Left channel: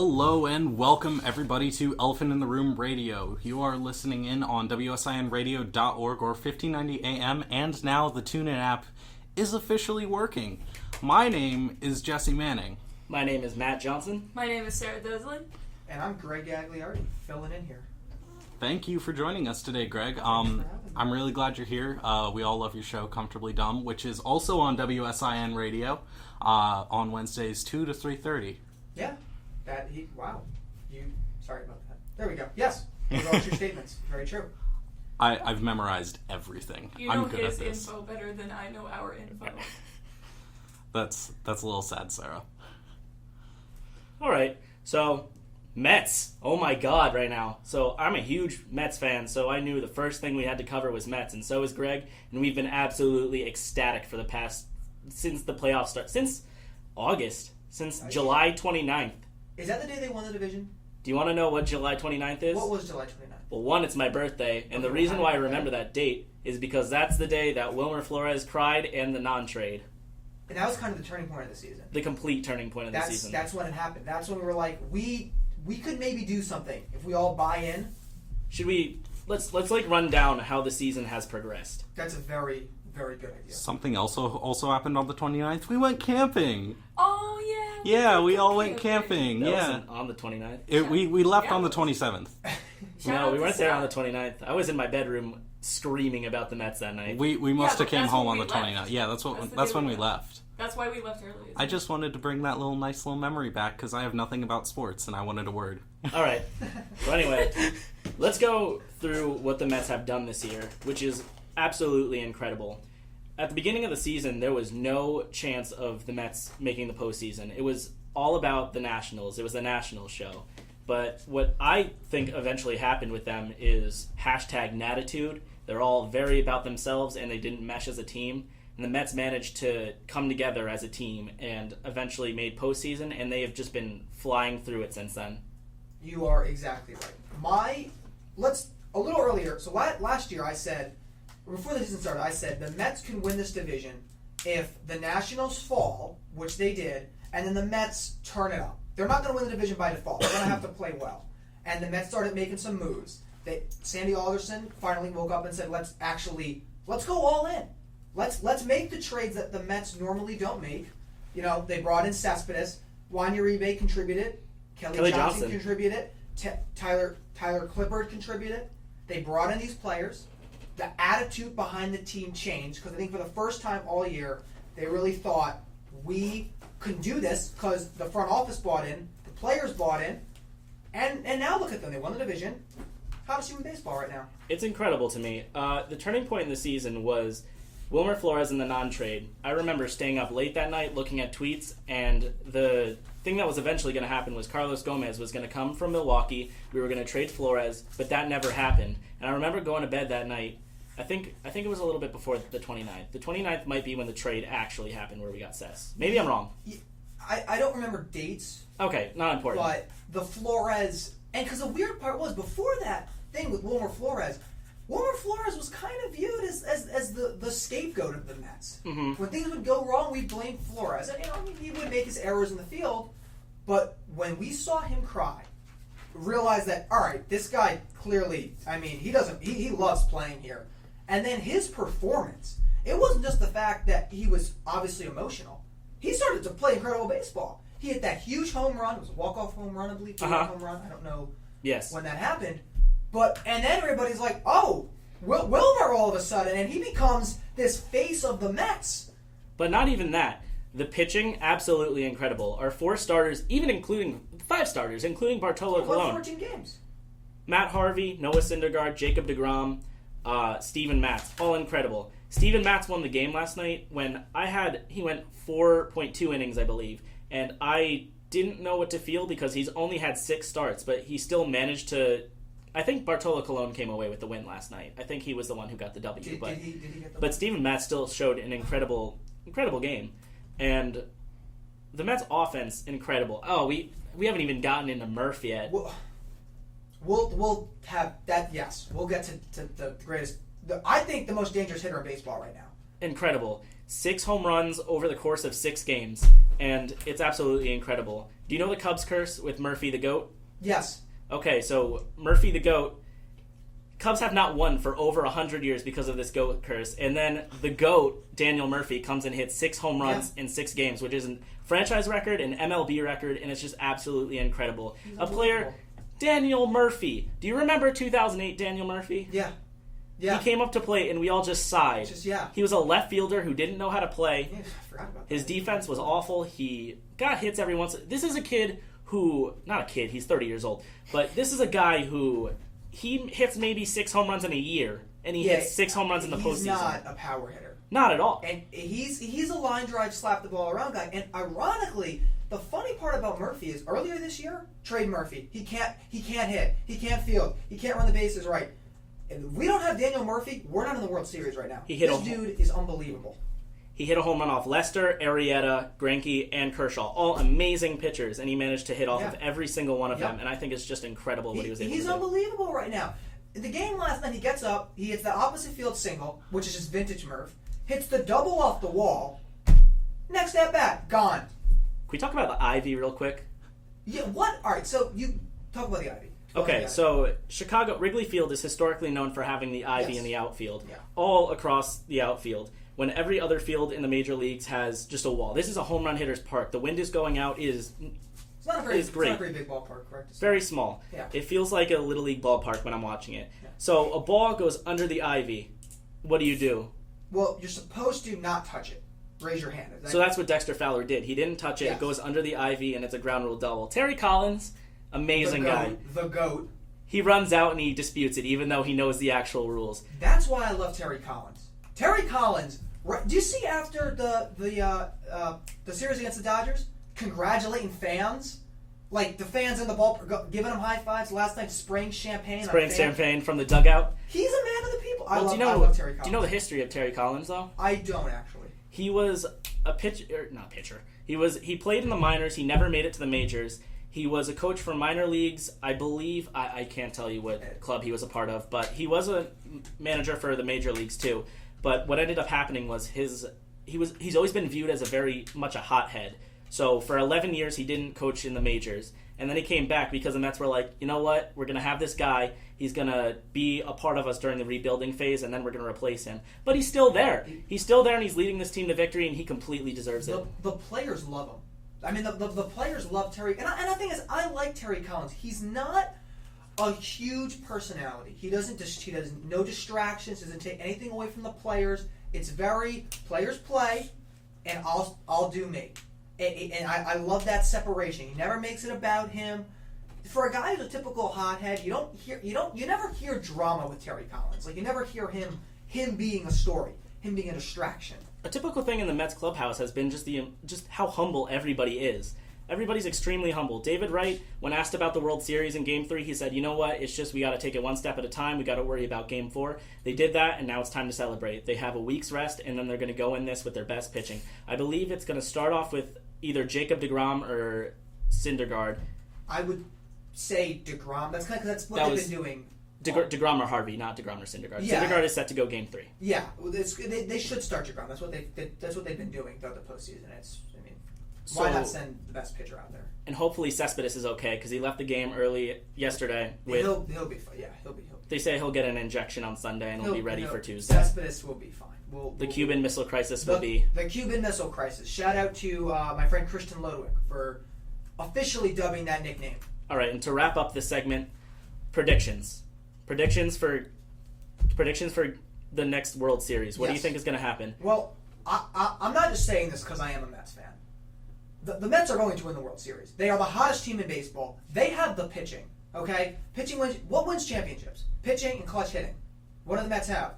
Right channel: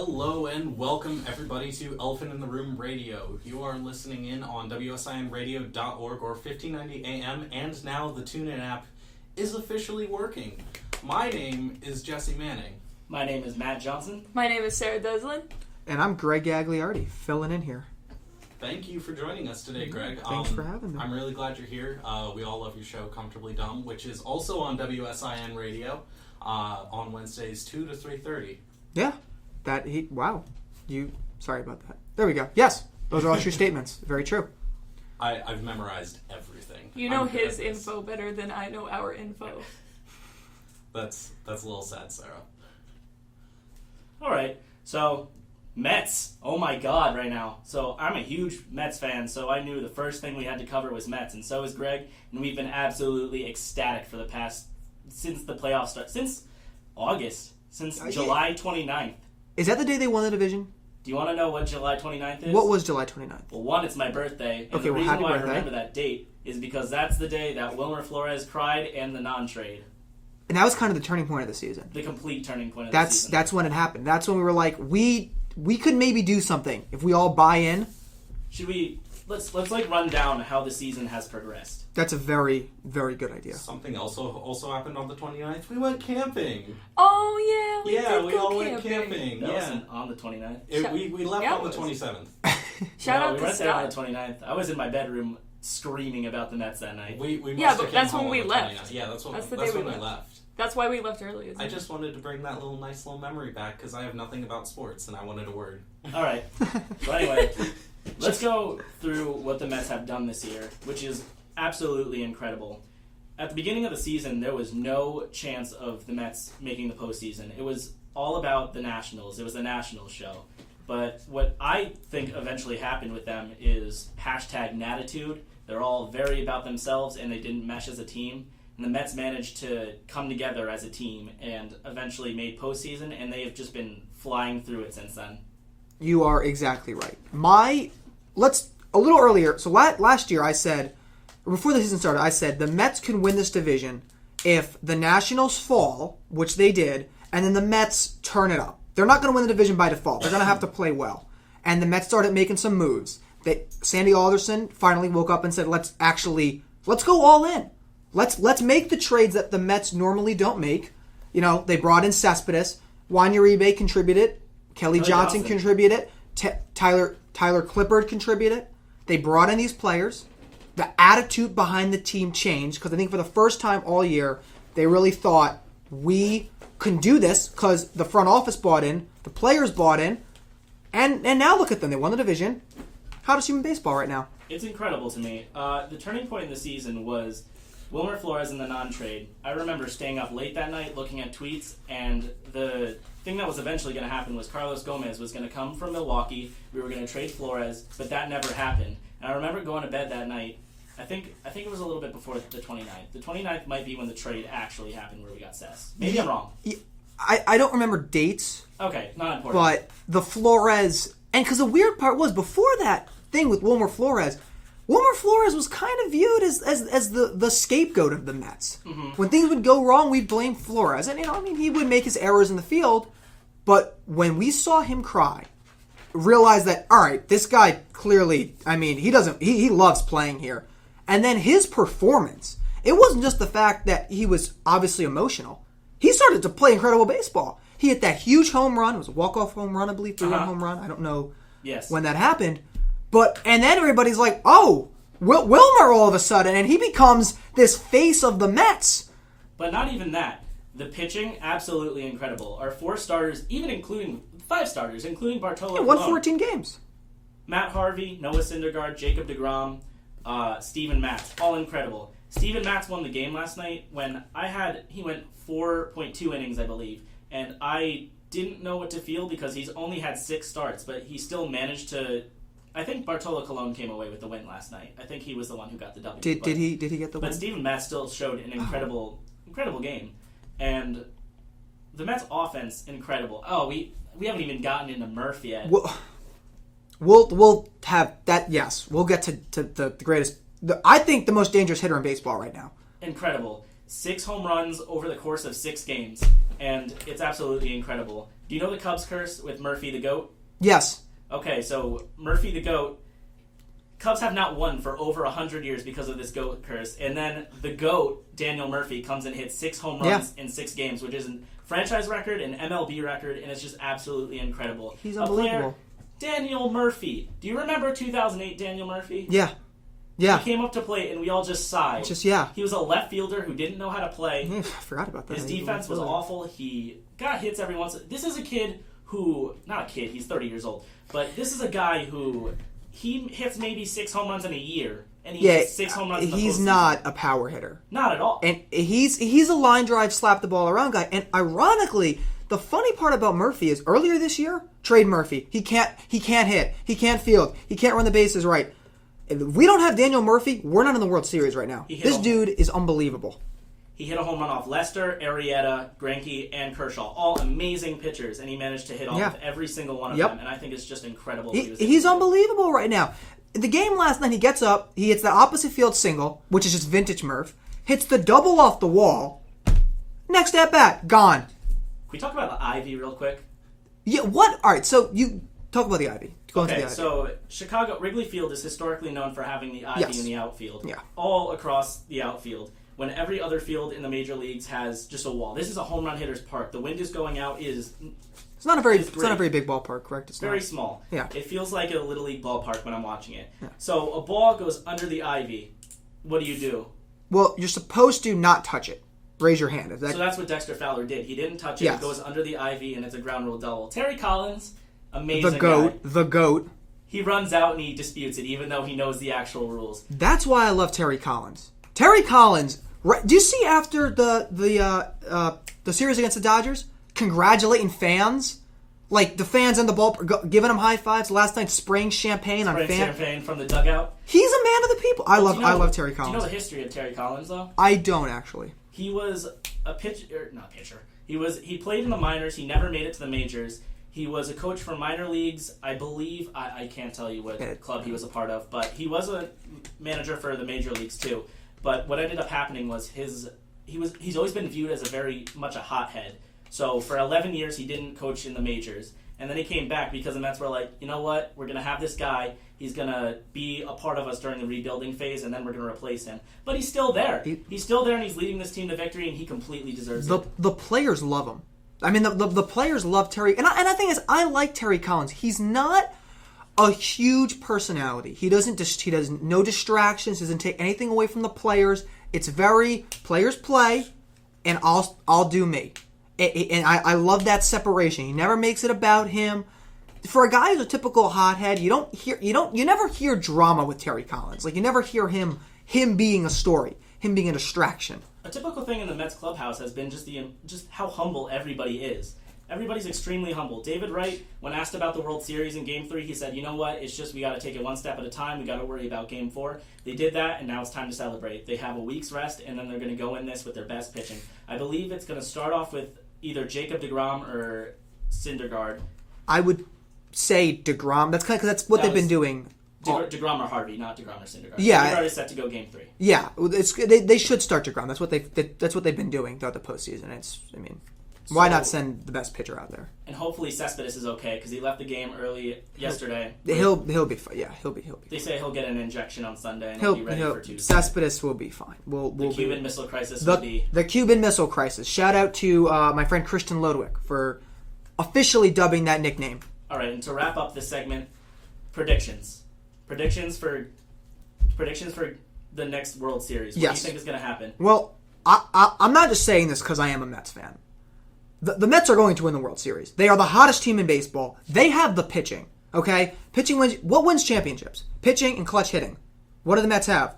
Hello and welcome everybody to Elephant in the Room Radio. You are listening in on WSINradio.org or 1590 AM, and now the TuneIn app is officially working. My name is Jesse Manning. My name is Matt Johnson. My name is Sarah Duslin. And I'm Greg Gagliardi, filling in here. Thank you for joining us today, Greg. Thanks for having me. I'm really glad you're here. We all love your show, Comfortably Dumb, which is also on WSIN Radio on Wednesdays 2 to 3:30. Yeah. Sorry about that. There we go. Yes. Those are all true statements. Very true. I've memorized everything. You know I'm good his at this. info better than I know our info. That's a little sad, Sarah. All right, so Mets. Oh my God, right now. So I'm a huge Mets fan, so I knew the first thing we had to cover was Mets, and so is Greg, and we've been absolutely ecstatic since the playoffs start, since August, since July 29th. Is that the day they won the division? Do you want to know what July 29th is? What was July 29th? Well, one, it's my birthday, and the reason why I remember that date is because that's the day that Wilmer Flores cried and the non-trade. And that was kind of the turning point of the season. The complete turning point of the season. That's when it happened. That's when we were like, we could maybe do something if we all buy in. Should we... Let's like run down how the season has progressed. That's a very, very good idea. Something also happened on the 29th. We went camping. Oh, yeah. Yeah, we all went camping. That Yeah. wasn't on the 29th. We left on the 27th. Shout out we to went there Scott. on the 29th. I was in my bedroom screaming about the Mets that night. We must have came that's home when on the we 29th. left. Yeah, that's the when day we left. That's why we left early. I just wanted to bring that nice little memory back because I have nothing about sports and I wanted a word. All right. Well, anyway, let's go through what the Mets have done this year, which is absolutely incredible. At the beginning of the season, there was no chance of the Mets making the postseason. It was all about the Nationals. It was a Nationals show. But what I think eventually happened with them is #Natitude. They're all very about themselves, and they didn't mesh as a team. And the Mets managed to come together as a team and eventually made postseason, and they have just been flying through it since then. You are exactly right. A little earlier, so last year I said, before the season started, I said the Mets can win this division if the Nationals fall, which they did, and then the Mets turn it up. They're not going to win the division by default. They're going to have to play well. And the Mets started making some moves. Sandy Alderson finally woke up and said, let's go all in. Let's make the trades that the Mets normally don't make. You know, they brought in Cespedes. Juan Uribe contributed. Kelly Johnson contributed. Tyler Clippard contributed. They brought in these players. The attitude behind the team changed because I think for the first time all year, they really thought we can do this because the front office bought in, the players bought in, and now look at them. They won the division. Hottest team in baseball right now. It's incredible to me. The turning point in the season was Wilmer Flores in the non-trade. I remember staying up late that night looking at tweets, and the thing that was eventually going to happen was Carlos Gomez was going to come from Milwaukee. We were going to trade Flores, but that never happened. And I remember going to bed that night. I think it was a little bit before the 29th. The 29th might be when the trade actually happened where we got Cess. Maybe I'm wrong. I don't remember dates. Okay, not important. But the Flores... And because the weird part was, before that thing with Wilmer Flores was kind of viewed as the scapegoat of the Mets. Mm-hmm. When things would go wrong, we'd blame Flores. And, he would make his errors in the field. But when we saw him cry, realized that, all right, this guy clearly, he loves playing here. And then his performance, it wasn't just the fact that he was obviously emotional. He started to play incredible baseball. He hit that huge home run. It was a walk-off home run, I believe, 3-run home run. I don't know when that happened. And then everybody's like, oh, Wilmer all of a sudden, and he becomes this face of the Mets. But not even that. The pitching, absolutely incredible. Our 4 starters, even including 5 starters, including Bartolo won Colon. 14 games. Matt Harvey, Noah Syndergaard, Jacob deGrom, Steven Matz, all incredible. Steven Matz won the game last night when he went 4.2 innings, I believe, and I didn't know what to feel because he's only had 6 starts, but he still managed to... I think Bartolo Colon came away with the win last night. I think he was the one who got the W. Did he get the win? But Steven Matz still showed an incredible game. And the Mets offense, incredible. Oh, we haven't even gotten into Murph yet. We'll have that, yes. We'll get to the greatest... I think the most dangerous hitter in baseball right now. Incredible. 6 home runs over the course of 6 games, and it's absolutely incredible. Do you know the Cubs curse with Murphy the GOAT? Yes. Okay, so Murphy the GOAT, Cubs have not won for over 100 years because of this GOAT curse. And then the GOAT, Daniel Murphy, comes and hits 6 home runs in 6 games, which is a franchise record, an MLB record, and it's just absolutely incredible. He's a unbelievable. player, Daniel Murphy. Do you remember 2008 Daniel Murphy? Yeah. Yeah. He came up to play, and we all just sighed. He was a left fielder who didn't know how to play. Yeah, I forgot about that. His defense was awful. He got hits every once. This is a kid who, not a kid, he's 30 years old, but this is a guy who, he hits maybe 6 home runs in a year, and he hits 6 home runs in the he's postseason. not a power hitter. Not at all. And he's a line drive, slap the ball around guy. And ironically, the funny part about Murphy is earlier this year, trade Murphy. He can't hit. He can't field. He can't run the bases right. If we don't have Daniel Murphy, we're not in the World Series right now. This dude is unbelievable. He hit a home run off Lester, Arrieta, Greinke, and Kershaw. All amazing pitchers, and he managed to hit off every single one of them. And I think it's just incredible. He's unbelievable right now. The game last night, he gets up, he hits the opposite field single, which is just vintage Murph, hits the double off the wall. Next at bat, gone. Can we talk about the Ivy real quick? Yeah, what? All right, so you talk about the Ivy. So Chicago, Wrigley Field is historically known for having the Ivy in the outfield. Yeah. All across the outfield. When every other field in the major leagues has just a wall. This is a home run hitter's park. The wind is going out is... It's not a very big ballpark, correct? It's very small. Yeah. It feels like a Little League ballpark when I'm watching it. Yeah. So a ball goes under the Ivy. What do? Well, you're supposed to not touch it. Raise your hand. So that's what Dexter Fowler did. He didn't touch it. Yes. It goes under the Ivy, and it's a ground rule double. Terry Collins, amazing The GOAT. He runs out and he disputes it, even though he knows the actual rules. That's why I love Terry Collins. Terry Collins. Do you see after the series against the Dodgers, congratulating fans, like the fans in the ballpark, giving them high fives last night, spraying champagne champagne from the dugout. He's a man of the people. I love Terry Collins. Do you know the history of Terry Collins though? I don't actually. He was a not pitcher. He played in the minors. He never made it to the majors. He was a coach for minor leagues, I believe. I can't tell you what club he was a part of, but he was a manager for the major leagues too. But what ended up happening was he's always been viewed as a very much a hothead. So for 11 years he didn't coach in the majors, and then he came back because the Mets were like, you know what, we're gonna have this guy. He's gonna be a part of us during the rebuilding phase, and then we're gonna replace him. But he's still there. He's still there, and he's leading this team to victory, and he completely deserves it. The players love him. I mean, the players love Terry. And the thing is, I like Terry Collins. He's not a huge personality. He doesn't no distractions. Doesn't take anything away from the players. It's very players play, and I'll do me. And I love that separation. He never makes it about him. For a guy who's a typical hothead, you never hear drama with Terry Collins. Like you never hear him being a story, him being a distraction. A typical thing in the Mets clubhouse has been just how humble everybody is. Everybody's extremely humble. David Wright, when asked about the World Series in Game 3, he said, you know what, it's just we got to take it one step at a time. We got to worry about Game 4. They did that, and now it's time to celebrate. They have a week's rest, and then they're going to go in this with their best pitching. I believe it's going to start off with either Jacob deGrom or Syndergaard. I would say DeGrom. That's what they've been doing. DeGrom or Harvey, not DeGrom or Syndergaard. Yeah, Syndergaard is set to go Game 3. Yeah, they should start DeGrom. That's what they've been doing throughout the postseason. Why not send the best pitcher out there? And hopefully Cespedes is okay because he left the game early yesterday. He'll be fine. Yeah, he'll be. They say he'll get an injection on Sunday and he'll be ready for Tuesday. Cespedes will be fine. The Cuban Missile Crisis will be... The Cuban Missile Crisis. Shout out to my friend Christian Lodwick for officially dubbing that nickname. All right, and to wrap up this segment, predictions. Predictions for the next World Series. What do you think is going to happen? Well, I'm not just saying this because I am a Mets fan. The Mets are going to win the World Series. They are the hottest team in baseball. They have the pitching. Okay, pitching wins. What wins championships? Pitching and clutch hitting. What do the Mets have?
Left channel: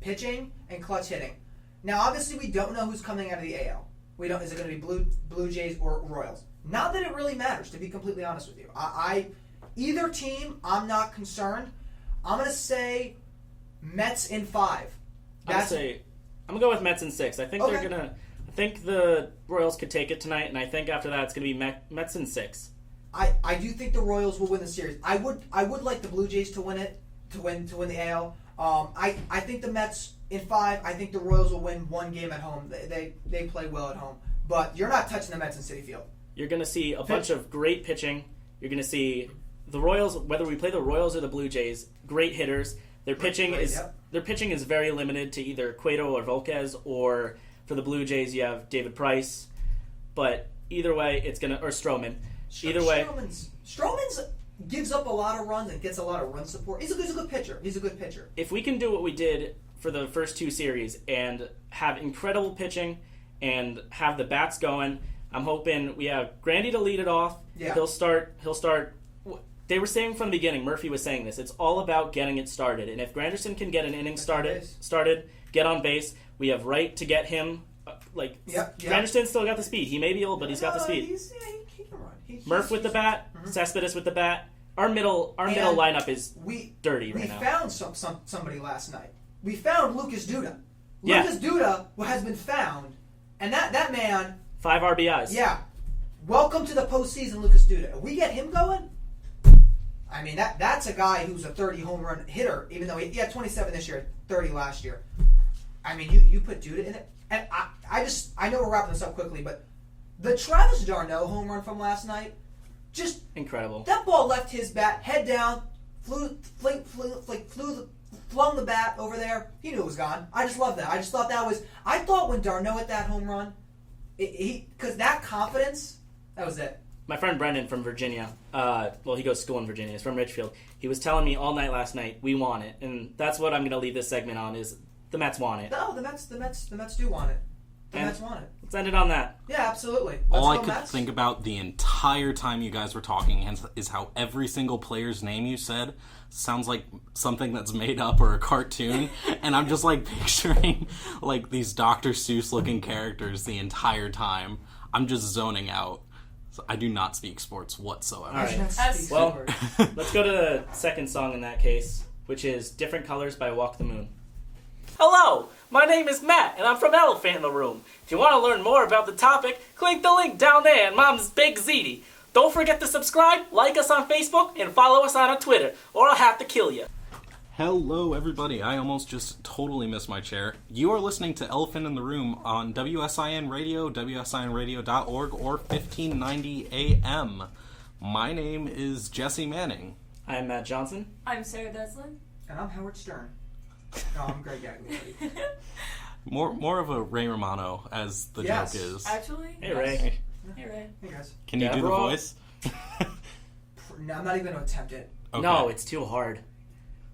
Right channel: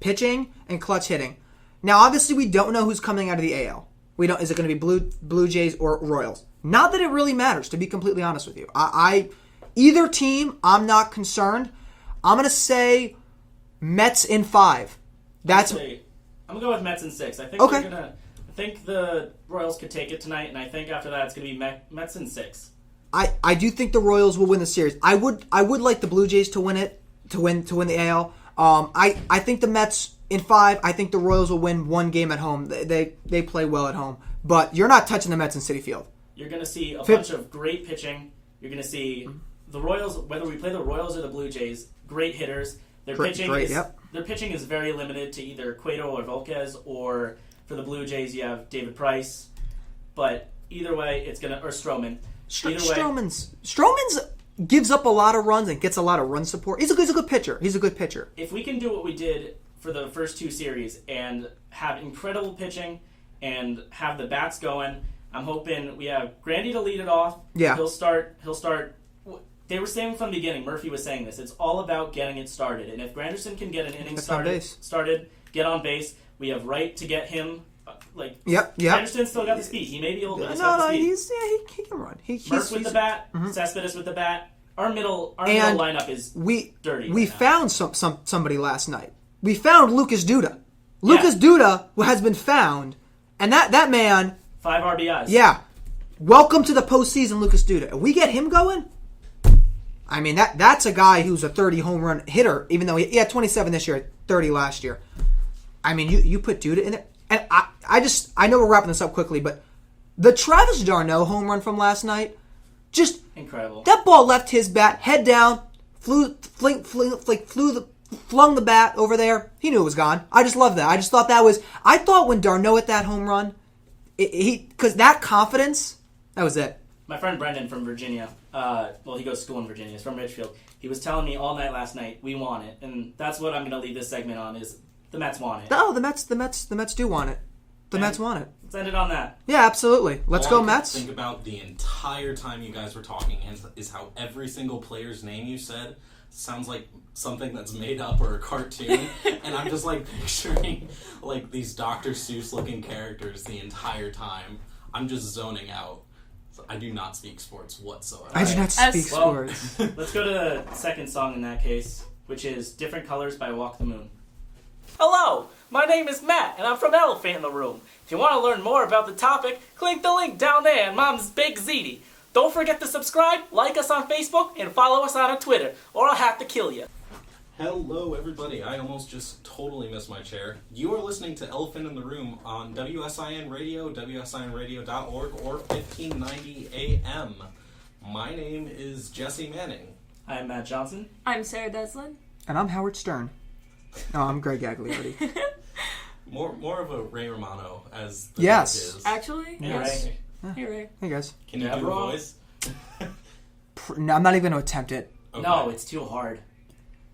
Pitching and clutch hitting. Now, obviously, we don't know who's coming out of the AL. We don't. Is it going to be Blue Jays or Royals? Not that it really matters, to be completely honest with you. Either team, I'm not concerned. I'm going to say Mets in 5. I'm going to go with Mets in 6. I think they're going to... I think the Royals could take it tonight, and I think after that it's going to be Mets in 6. I do think the Royals will win the series. I would like the Blue Jays to win it, to win the AL. I think the Mets in 5. I think the Royals will win one game at home. They play well at home, but you're not touching the Mets in Citi Field. You're going to see a bunch of great pitching. You're going to see the Royals, whether we play the Royals or the Blue Jays, great hitters. Their pitching is very limited to either Cueto or Volquez, or for the Blue Jays you have David Price. But either way, it's going to, or Stroman. Stroman's gives up a lot of runs and gets a lot of run support. He's a good pitcher. If we can do what we did for the first 2 series and have incredible pitching and have the bats going, I'm hoping we have Grandy to lead it off. Yeah. He'll start. They were saying from the beginning, Murphy was saying this, it's all about getting it started. And if Granderson can get an inning started, get on base, we have Wright to get him. Granderson's still got the speed. He may be old, but he's got the speed. He can run. Murph with the bat, Cespedes with the bat. Our middle lineup is dirty. We found somebody last night. We found Lucas Duda. Lucas Duda has been found, and that man. 5 RBIs. Yeah. Welcome to the postseason, Lucas Duda. If we get him going, I mean that's a guy who's a 30 home run hitter. Even though he had 27 this year, 30 last year. I mean, you put Duda in it, and I know we're wrapping this up quickly, but the Travis d'Arnaud home run from last night, just incredible. That ball left his bat, head down, flung the bat over there. He knew it was gone. I just love that. I just thought I thought when d'Arnaud hit that home run, because that confidence, that was it. My friend Brendan from Virginia, he goes to school in Virginia. He's from Ridgefield. He was telling me all night last night, we want it. And that's what I'm going to leave this segment on, is the Mets want it. Oh, the Mets do want it. The Mets want it. Let's end it on that. Yeah, absolutely. Let's go Mets. All I could think about the entire time you guys were talking is how every single player's name you said sounds like something that's made up or a cartoon. And I'm just like picturing like these Dr. Seuss looking characters the entire time. I'm just zoning out. So I do not speak sports whatsoever. I do not speak sports. Let's go to the second song in that case, which is Different Colors by Walk the Moon. Hello, my name is Matt, and I'm from Elephant in the Room. If you want to learn more about the topic, click the link down there in Mom's Big Ziti. Don't forget to subscribe, like us on Facebook, and follow us on Twitter, or I'll have to kill you. Hello, everybody. I almost just totally missed my chair. You are listening to Elephant in the Room on WSIN Radio, WSINradio.org, or 1590 AM. My name is Jesse Manning. I'm Matt Johnson. I'm Sarah Deslin. And I'm Howard Stern. No, I'm Greg Gagliardi. More of a Ray Romano, as the joke is. Actually? Hey, Ray. Hey, Ray. Hey, guys. Can you do the voice? No, I'm not even going to attempt it. Okay. No, it's too hard.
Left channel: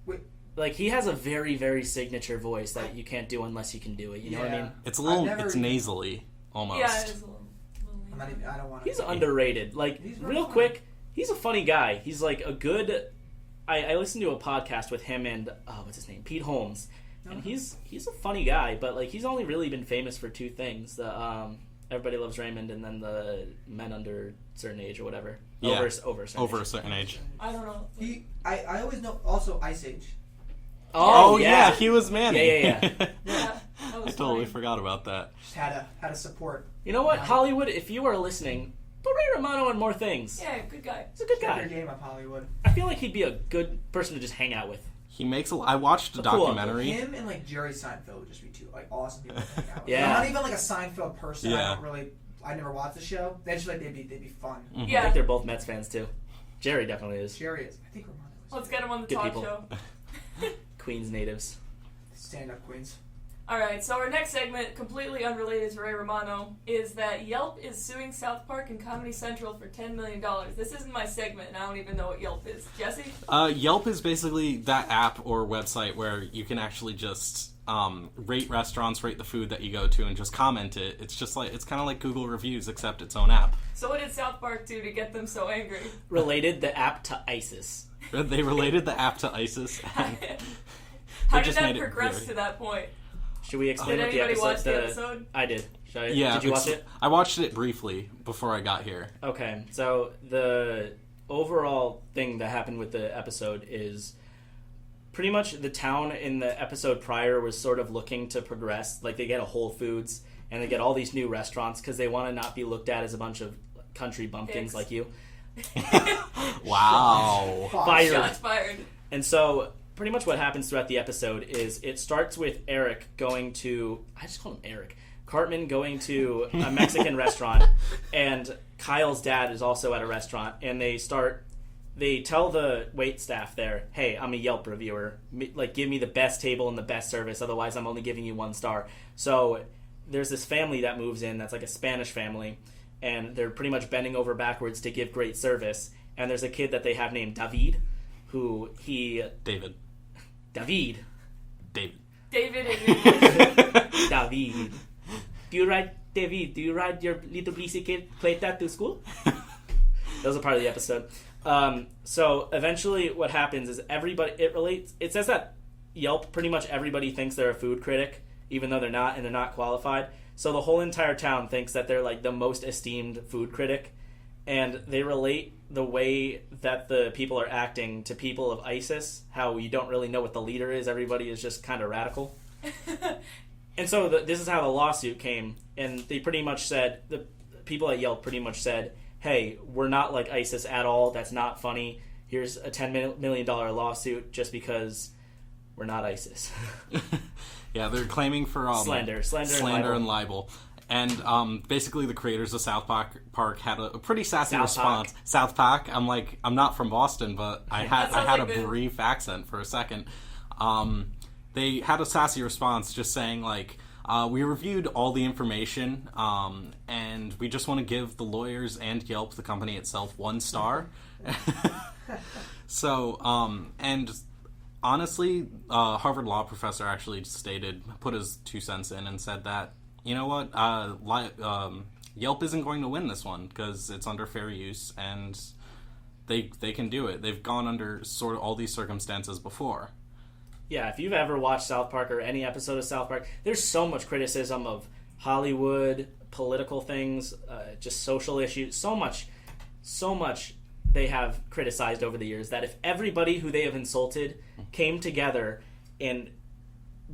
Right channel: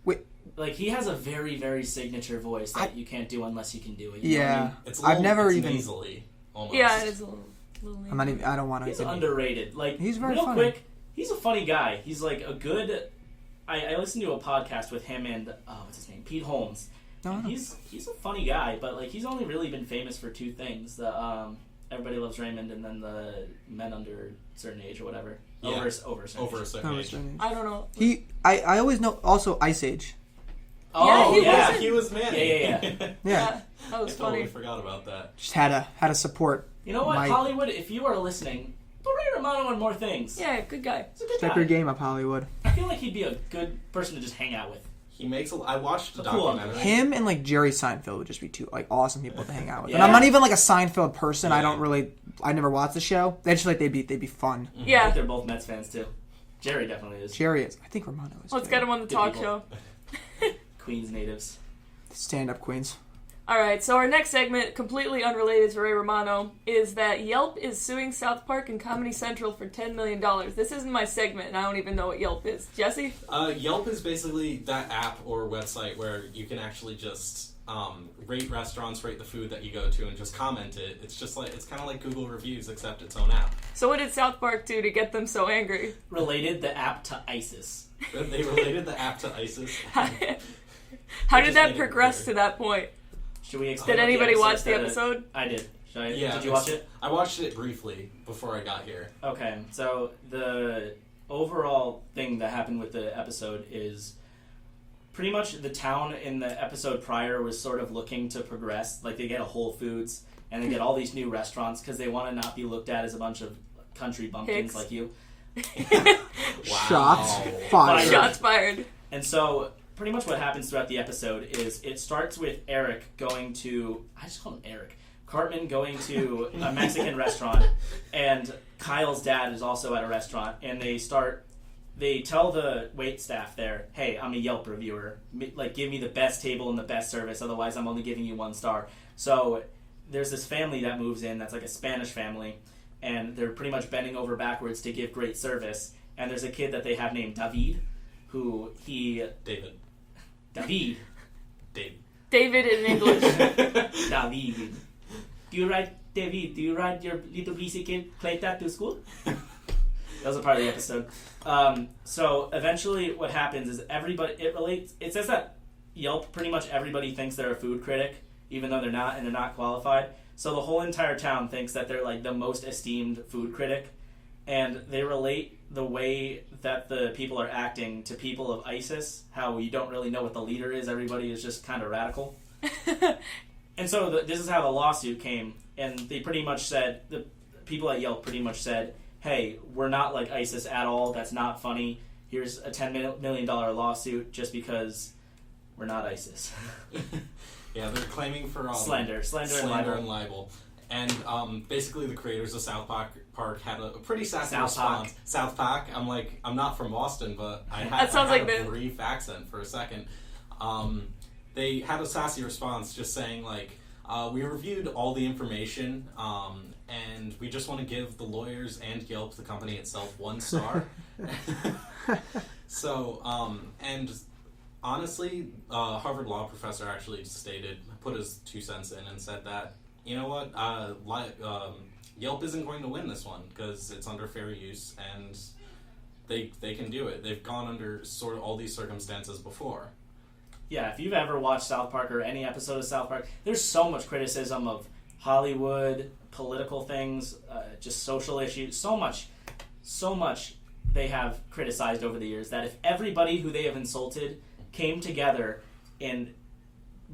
Wait. Like, he has a very, very signature voice that you can't do unless you can do it. You know what I mean? It's a little nasally, almost. Yeah, it's a little I'm not even, I don't want to. He's underrated. Like, he's very real funny. quick, he's a funny guy. He's like a good... I listened to a podcast with him and, what's his name? Pete Holmes. Oh. He's a funny guy, but like he's only really been famous for 2 things: the Everybody Loves Raymond, and then the Men Under a Certain Age or whatever. Yeah, over a certain age. I don't know. I always know also Ice Age. Oh yeah, he was Manny. Yeah. That I was totally funny. forgot about that. Just had a support. You know what, Hollywood? If you are listening, put Ray Romano in more things. Yeah, good guy. He's a good Step guy. your game up, Hollywood. I feel like he'd be a good person to just hang out with. He makes I watched a documentary. Him and like Jerry Seinfeld would just be 2 like awesome people to hang out with. Yeah. And I'm not even like a Seinfeld person. Yeah. I never watched the show. They just like they'd be fun. Mm-hmm. I Yeah. think they're both Mets fans too. Jerry definitely is. Jerry is. I think Romano is. Let's too. get him on the Good talk people. show. Queens natives. Stand up queens. Alright, so our next segment, completely unrelated to Ray Romano, is that Yelp is suing South Park and Comedy Central for $10 million. This isn't my segment, and I don't even know what Yelp is. Jesse? Yelp is basically that app or website where you can actually just rate restaurants, rate the food that you go to, and just comment it. It's just like it's kind of like Google reviews, except its own app. So what did South Park do to get them so angry? Related the app to ISIS. They related the app to ISIS. How They did just that made it progress very- to that point? Should we explain? Did anybody watch the episode? I did. Yeah, did you watch it? I watched it briefly before I got here. Okay, so the overall thing that happened with the episode is pretty much the town in the episode prior was sort of looking to progress. Like, they get a Whole Foods, and they get all these new restaurants because they want to not be looked at as a bunch of country bumpkins Hicks. like you. Wow. Shots fired. Shots fired. And so pretty much what happens throughout the episode is it starts with Eric going to... I just call him Eric. Cartman going to a Mexican restaurant and Kyle's dad is also at a restaurant, and they tell the wait staff there, hey, I'm a Yelp reviewer. Like, give me the best table and the best service, otherwise I'm only giving you 1 star. So there's this family that moves in that's like a Spanish family, and they're pretty much bending over backwards to give great service. And there's a kid that they have named David, David. David. David in English. David. David, do you ride your little bicycle to school? That was a part of the episode. So eventually what happens is it says that Yelp, pretty much everybody thinks they're a food critic, even though they're not, and they're not qualified. So the whole entire town thinks that they're like the most esteemed food critic, and they relate the way that the people are acting to people of ISIS, how you don't really know what the leader is, everybody is just kind of radical. And so this is how the lawsuit came, and they pretty much said, the people at Yelp pretty much said, hey, we're not like ISIS at all, that's not funny, here's a $10 million lawsuit just because we're not ISIS. Yeah, they're claiming for slander and libel. And basically the creators of South Park had a pretty sassy response. South Park. I'm not from Boston, but I had a brief accent for a second. They had a sassy response just saying, like, we reviewed all the information, and we just want to give the lawyers and Yelp, the company itself, 1 star. So, and honestly, Harvard law professor actually put his 2 cents in and said that, you know what, Yelp isn't going to win this one because it's under fair use, and they can do it. They've gone under sort of all these circumstances before. Yeah, if you've ever watched South Park or any episode of South Park, there's so much criticism of Hollywood, political things, just social issues, so much they have criticized over the years that if everybody who they have insulted came together and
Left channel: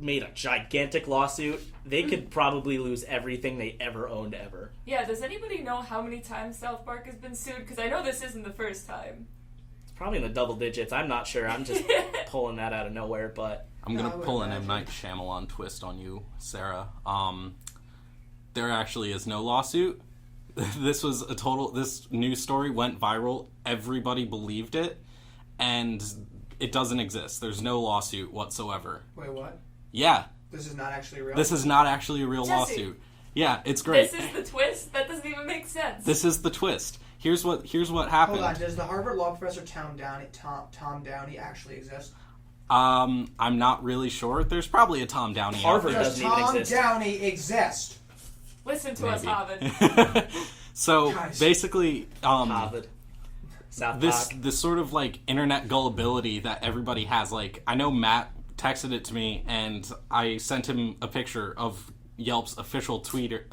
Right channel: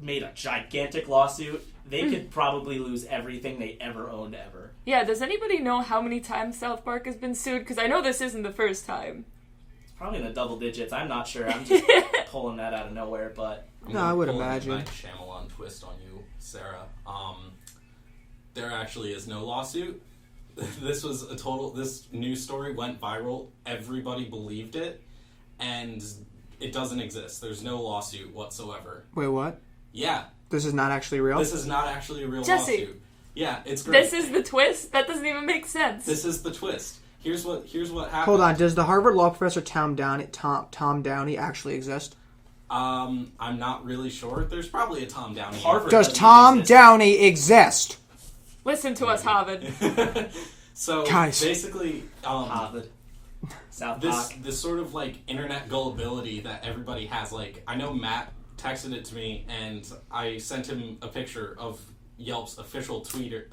made a gigantic lawsuit, they could probably lose everything they ever owned ever. Yeah, does anybody know how many times South Park has been sued? Because I know this isn't the first time. Probably in the double digits. I'm not sure. I'm just pulling that out of nowhere, but I'm going to pull in a Night Shyamalan twist on you, Sarah. There actually is no lawsuit. This news story went viral. Everybody believed it, and it doesn't exist. There's no lawsuit whatsoever. Wait, what? Yeah. This is not actually real? This is not actually a real Jesse, lawsuit. Yeah, it's great. This is the twist? That doesn't even make sense. This is the twist. Here's what happened. Hold on, does the Harvard law professor Tom Downey actually exist? I'm not really sure. There's probably a Tom Downey. Harvard Does Tom Downey exist? Listen to us, Harvard. So Guys. basically, Harvard. this sort of like internet gullibility that everybody has. Like, I know Matt texted it to me, and I sent him a picture of Yelp's official Twitter.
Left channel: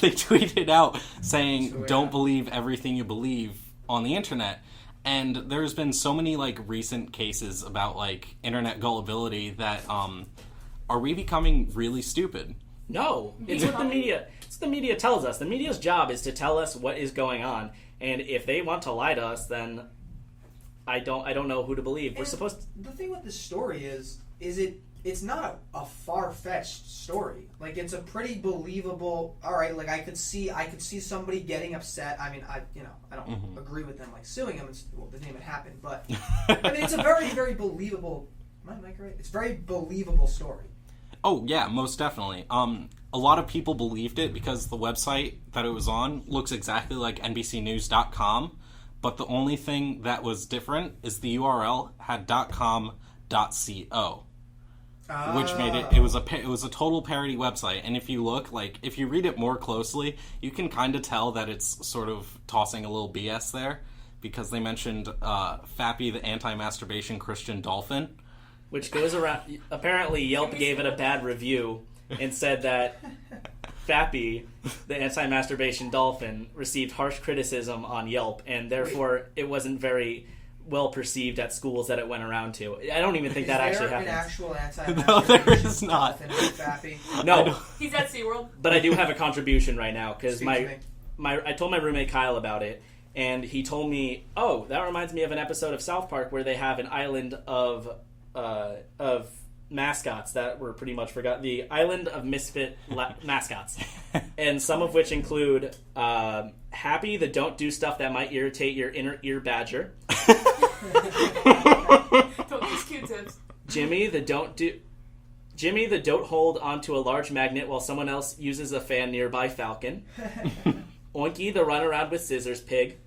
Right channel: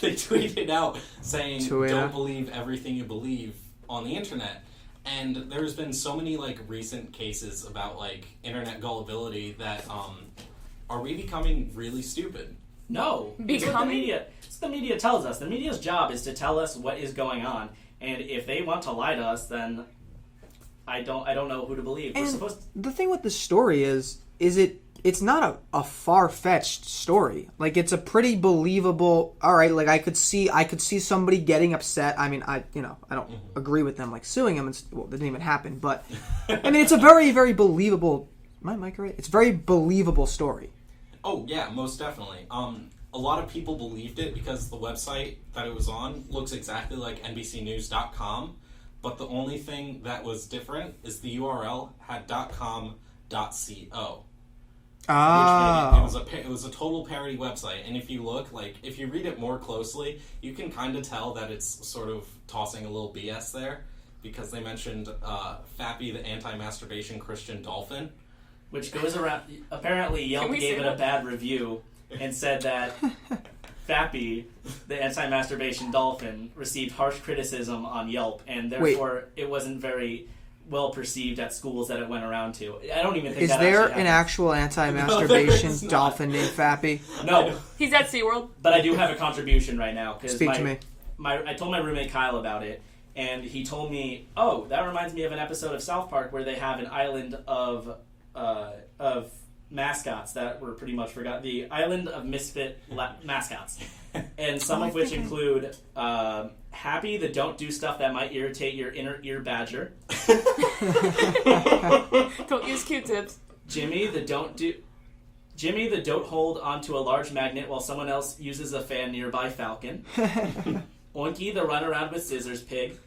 They tweeted out saying, "Don't believe everything you believe on the internet." And there's been so many like recent cases about like internet gullibility that are we becoming really stupid? No, it's what the media. It's the media tells us. The media's job is to tell us what is going on, and if they want to lie to us, then I don't know who to believe. And we're supposed to... The thing with the story is it's not a far-fetched story. Like, it's a pretty believable. All right, like I could see somebody getting upset. I mean, I don't agree with them like suing him. Well, that didn't even happen, but I mean, it's a very, very believable. Am I Mike right? It's a very believable story. Oh yeah, most definitely. A lot of people believed it because the website that it was on looks exactly like NBCnews.com, but the only thing that was different is the URL had .com.co. Which made it was a total parody website, and if you read it more closely, you can kind of tell that it's sort of tossing a little BS there, because they mentioned Fappy the anti-masturbation Christian dolphin, which goes around. Apparently, Yelp gave it a bad review and said that Fappy the anti-masturbation dolphin received harsh criticism on Yelp, and therefore it wasn't very well perceived at schools that it went around to. I don't even think is that there actually an happens. actual anti-masturbation dolphin named Fappy? No, He's at SeaWorld. but I do have a contribution right now because Speak to me. I told my roommate Kyle about it, and he told me, "Oh, that reminds me of an episode of South Park where they have an island of mascots that were pretty much forgotten. The Island of Misfit mascots. And some of which include Happy, the don't do stuff that might irritate your inner ear badger. Don't use Q-tips. Jimmy, the don't hold onto a large magnet while someone else uses a fan nearby falcon. Oinky, the run around with scissors pig.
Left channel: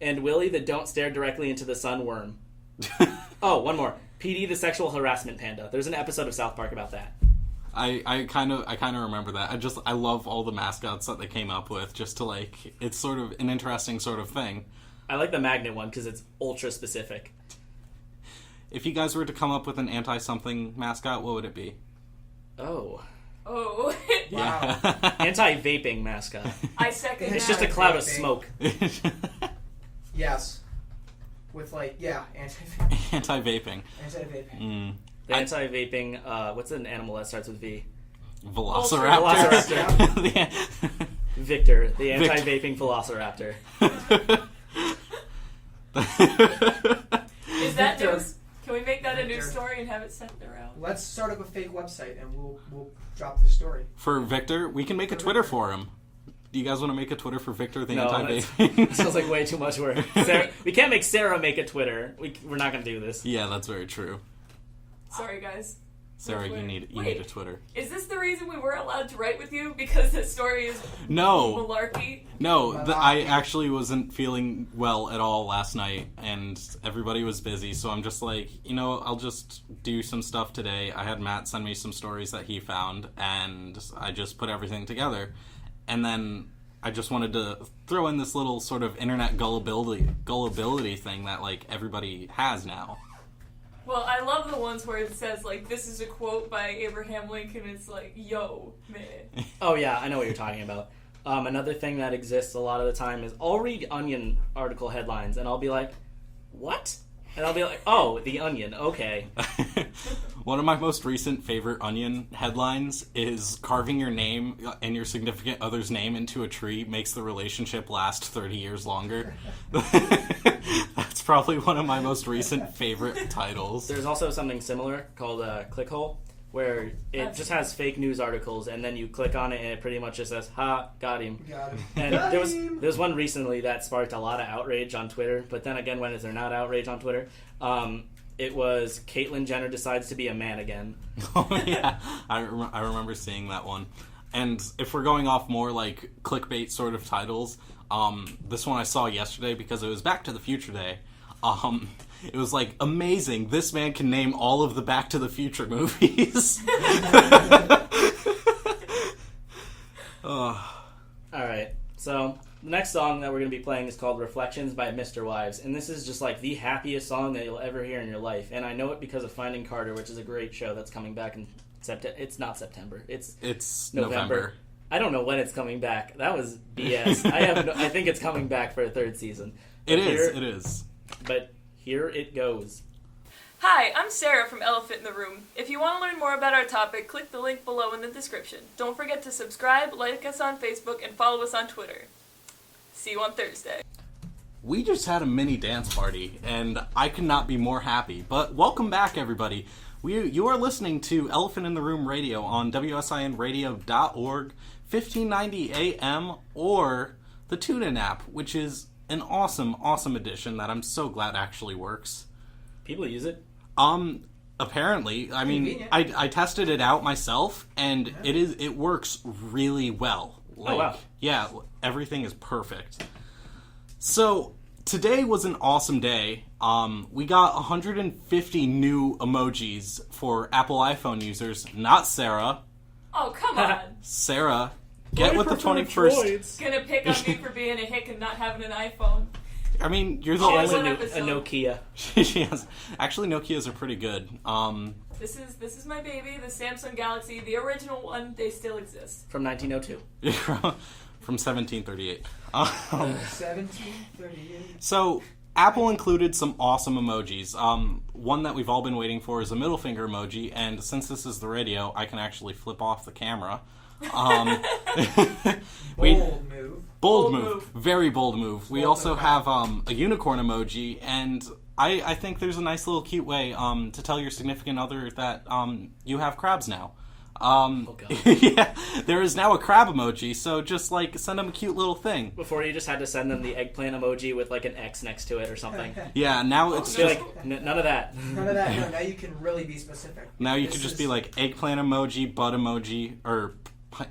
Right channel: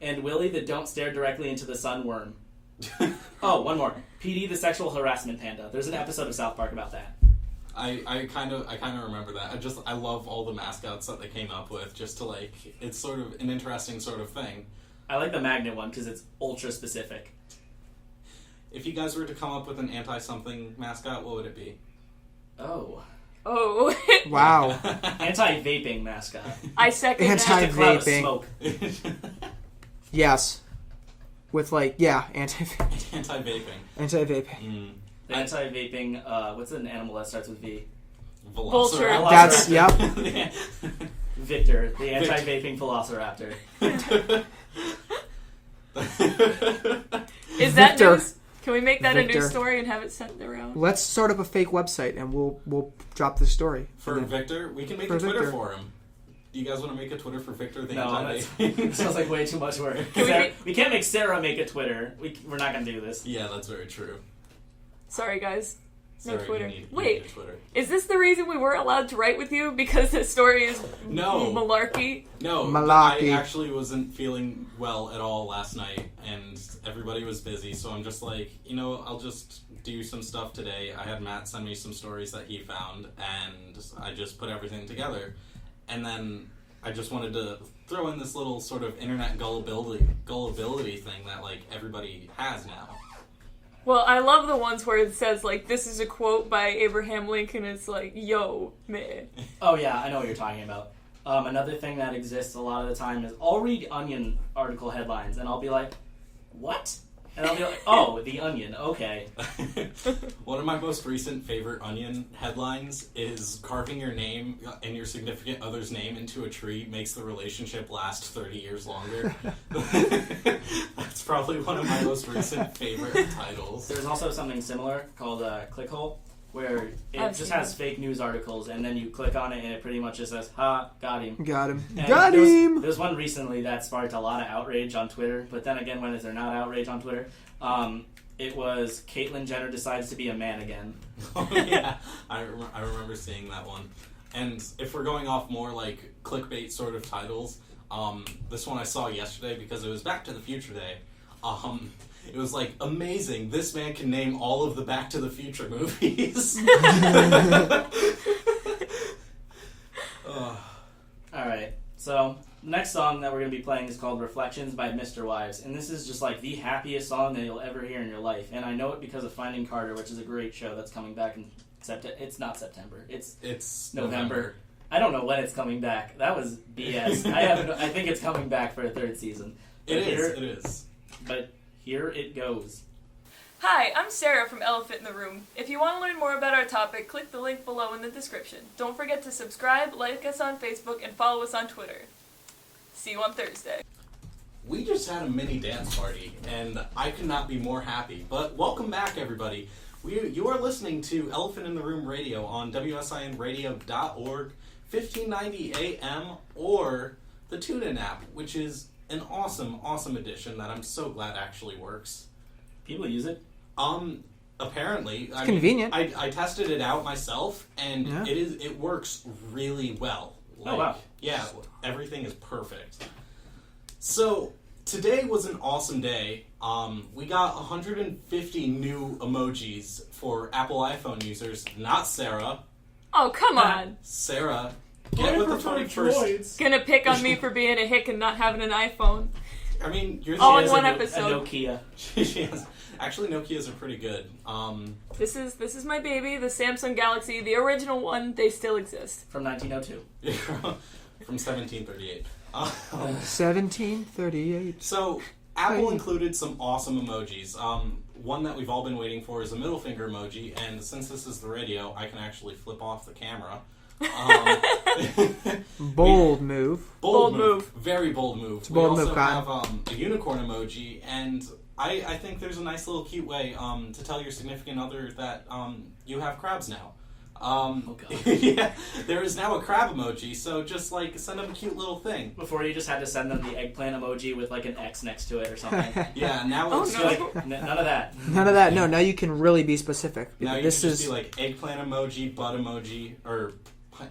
And Willie, the don't stare directly into the sun worm. Oh, one more. PD, the sexual harassment panda. There's an episode of South Park about that. I kind of remember that. I love all the mascots that they came up with. Just to like, it's sort of an interesting sort of thing. I like the magnet one because it's ultra specific. If you guys were to come up with an anti-something mascot, what would it be? Oh. Wow. Anti-vaping mascot. I second It's just a cloud of Anti-vaping. smoke. Yes. With anti-vaping. Anti-vaping. Anti-vaping. The anti-vaping, what's an animal that starts with V? Velociraptor. That's, yep. Victor, the anti-vaping velociraptor. Is that Victor. news? Can we make that a Victor. news story and have it sent around? Let's start up a fake website and we'll drop this story. For Victor, we can make a For Twitter Victor. for him. Do you guys want to make a Twitter for Victor, the No, anti-vaping? It sounds like way too much work. Sarah, we can't make Sarah make a Twitter. We're not going to do this. Yeah, that's very true. Sorry, guys. Sarah, Twitter. you need Wait. a Twitter. Is this the reason we weren't allowed to write with you? Because this story is No. malarkey? No, I Malarkey. actually wasn't feeling well at all last night, and everybody was busy, so I'm just like, I'll just do some stuff today. I had Matt send me some stories that he found, and I just put everything together. And then I just wanted to throw in this little sort of internet gullibility thing that, like, everybody has now. Well, I love the ones where it says, like, this is a quote by Abraham Lincoln. It's like, yo, man. Oh, yeah, I know what you're talking about. Another thing that exists a lot of the time is I'll read Onion article headlines, and I'll be like, what? And I'll be like, oh, the Onion, okay. One of my most recent favorite Onion headlines is carving your name and your significant other's name into a tree makes the relationship last 30 years longer. That's probably one of my most recent favorite titles. There's also something similar called Clickhole, where it just has fake news articles, and then you click on it, and it pretty much just says, ha, got him. Got him. And Got him! There was one recently that sparked a lot of outrage on Twitter, but then again, when is there not outrage on Twitter? It was Caitlyn Jenner decided to be a man again. Oh, yeah. I remember seeing that one. And if we're going off more like clickbait sort of titles, this one I saw yesterday because it was Back to the Future Day. It was like, amazing, this man can name all of the Back to the Future movies. Alright, so the next song that we're going to be playing is called Reflections by Mr. Wives, and this is just like the happiest song that you'll ever hear in your life, and I know it because of Finding Carter, which is a great show that's coming back in September. It's not September, it's November. I don't know when it's coming back. That was BS. I think it's coming back for a third season. It is. But here it goes. Hi, I'm Sarah from Elephant in the Room. If you want to learn more about our topic, click the link below in the description. Don't forget to subscribe, like us on Facebook, and follow us on Twitter. See you on Thursday. We just had a mini dance party, and I could not be more happy. But welcome back, everybody. You are listening to Elephant in the Room Radio on WSINradio.org, 1590 AM, or the TuneIn app, which is an awesome addition that I'm so glad actually works. People use it? Apparently. I convenient. mean, I tested it out myself, and Yeah. it works really well. Like, wow. yeah, everything is perfect. So, today was an awesome day. We got 150 new emojis for Apple iPhone users. Not Sarah. Oh, come on. Sarah, get with the 21st. Gonna pick on me for being a hick and not having an iPhone. I mean, you're the Oh, only one A episode. Nokia. she has. Actually, Nokias are pretty good. This is my baby, the Samsung Galaxy, the original one. They still exist. From 1902. From 1738. 1738. So, Apple included some awesome emojis. One that we've all been waiting for is a middle finger emoji, and since this is the radio, I can actually flip off the camera. Bold move. Bold Bold move. move. Very bold move. We Bold also move, have a unicorn emoji, and I think there's a nice little cute way to tell your significant other that you have crabs now. Yeah, there is now a crab emoji, so just like send them a cute little thing. Before you just had to send them the eggplant emoji with like an X next to it or something. Yeah, now it's You're just like, none of that. None of that. No, now you can really be specific. now you can just be like eggplant emoji, bud emoji, or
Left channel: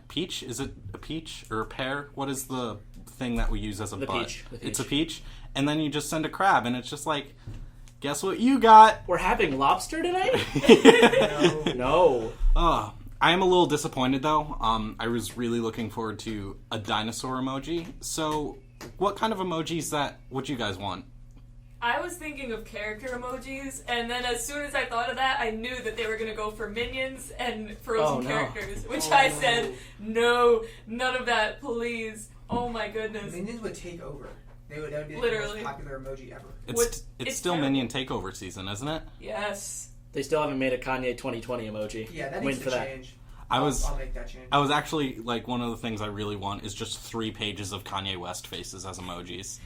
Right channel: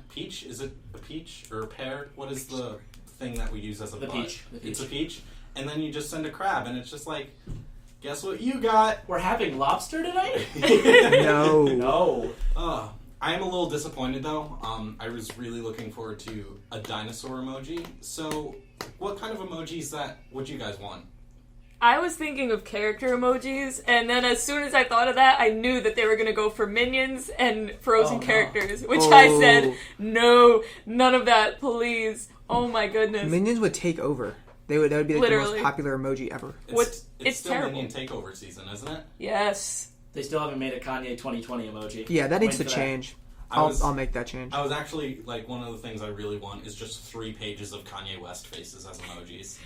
peach. Is it a peach or a pear? What is the thing that we use as a The bud? peach. It's a peach, and then you just send a crab, and it's just like, guess what you got? We're having lobster tonight? No. No. Oh, I am a little disappointed though. I was really looking forward to a dinosaur emoji. So, what kind of emojis would you guys want? I was thinking of character emojis, and then as soon as I thought of that, I knew that they were going to go for minions and frozen Oh, no. characters, which I said, no, none of that, please. Oh my goodness. Minions would take over. That would be like the Literally. most popular emoji ever. It's still terrible. Minion Takeover season, isn't it? Yes. They still haven't made a Kanye 2020 emoji. Yeah, that needs to Waiting for that. change. I was- I'll make that change. I was actually, like, one of the things I really want is just 3 pages of Kanye West faces as emojis.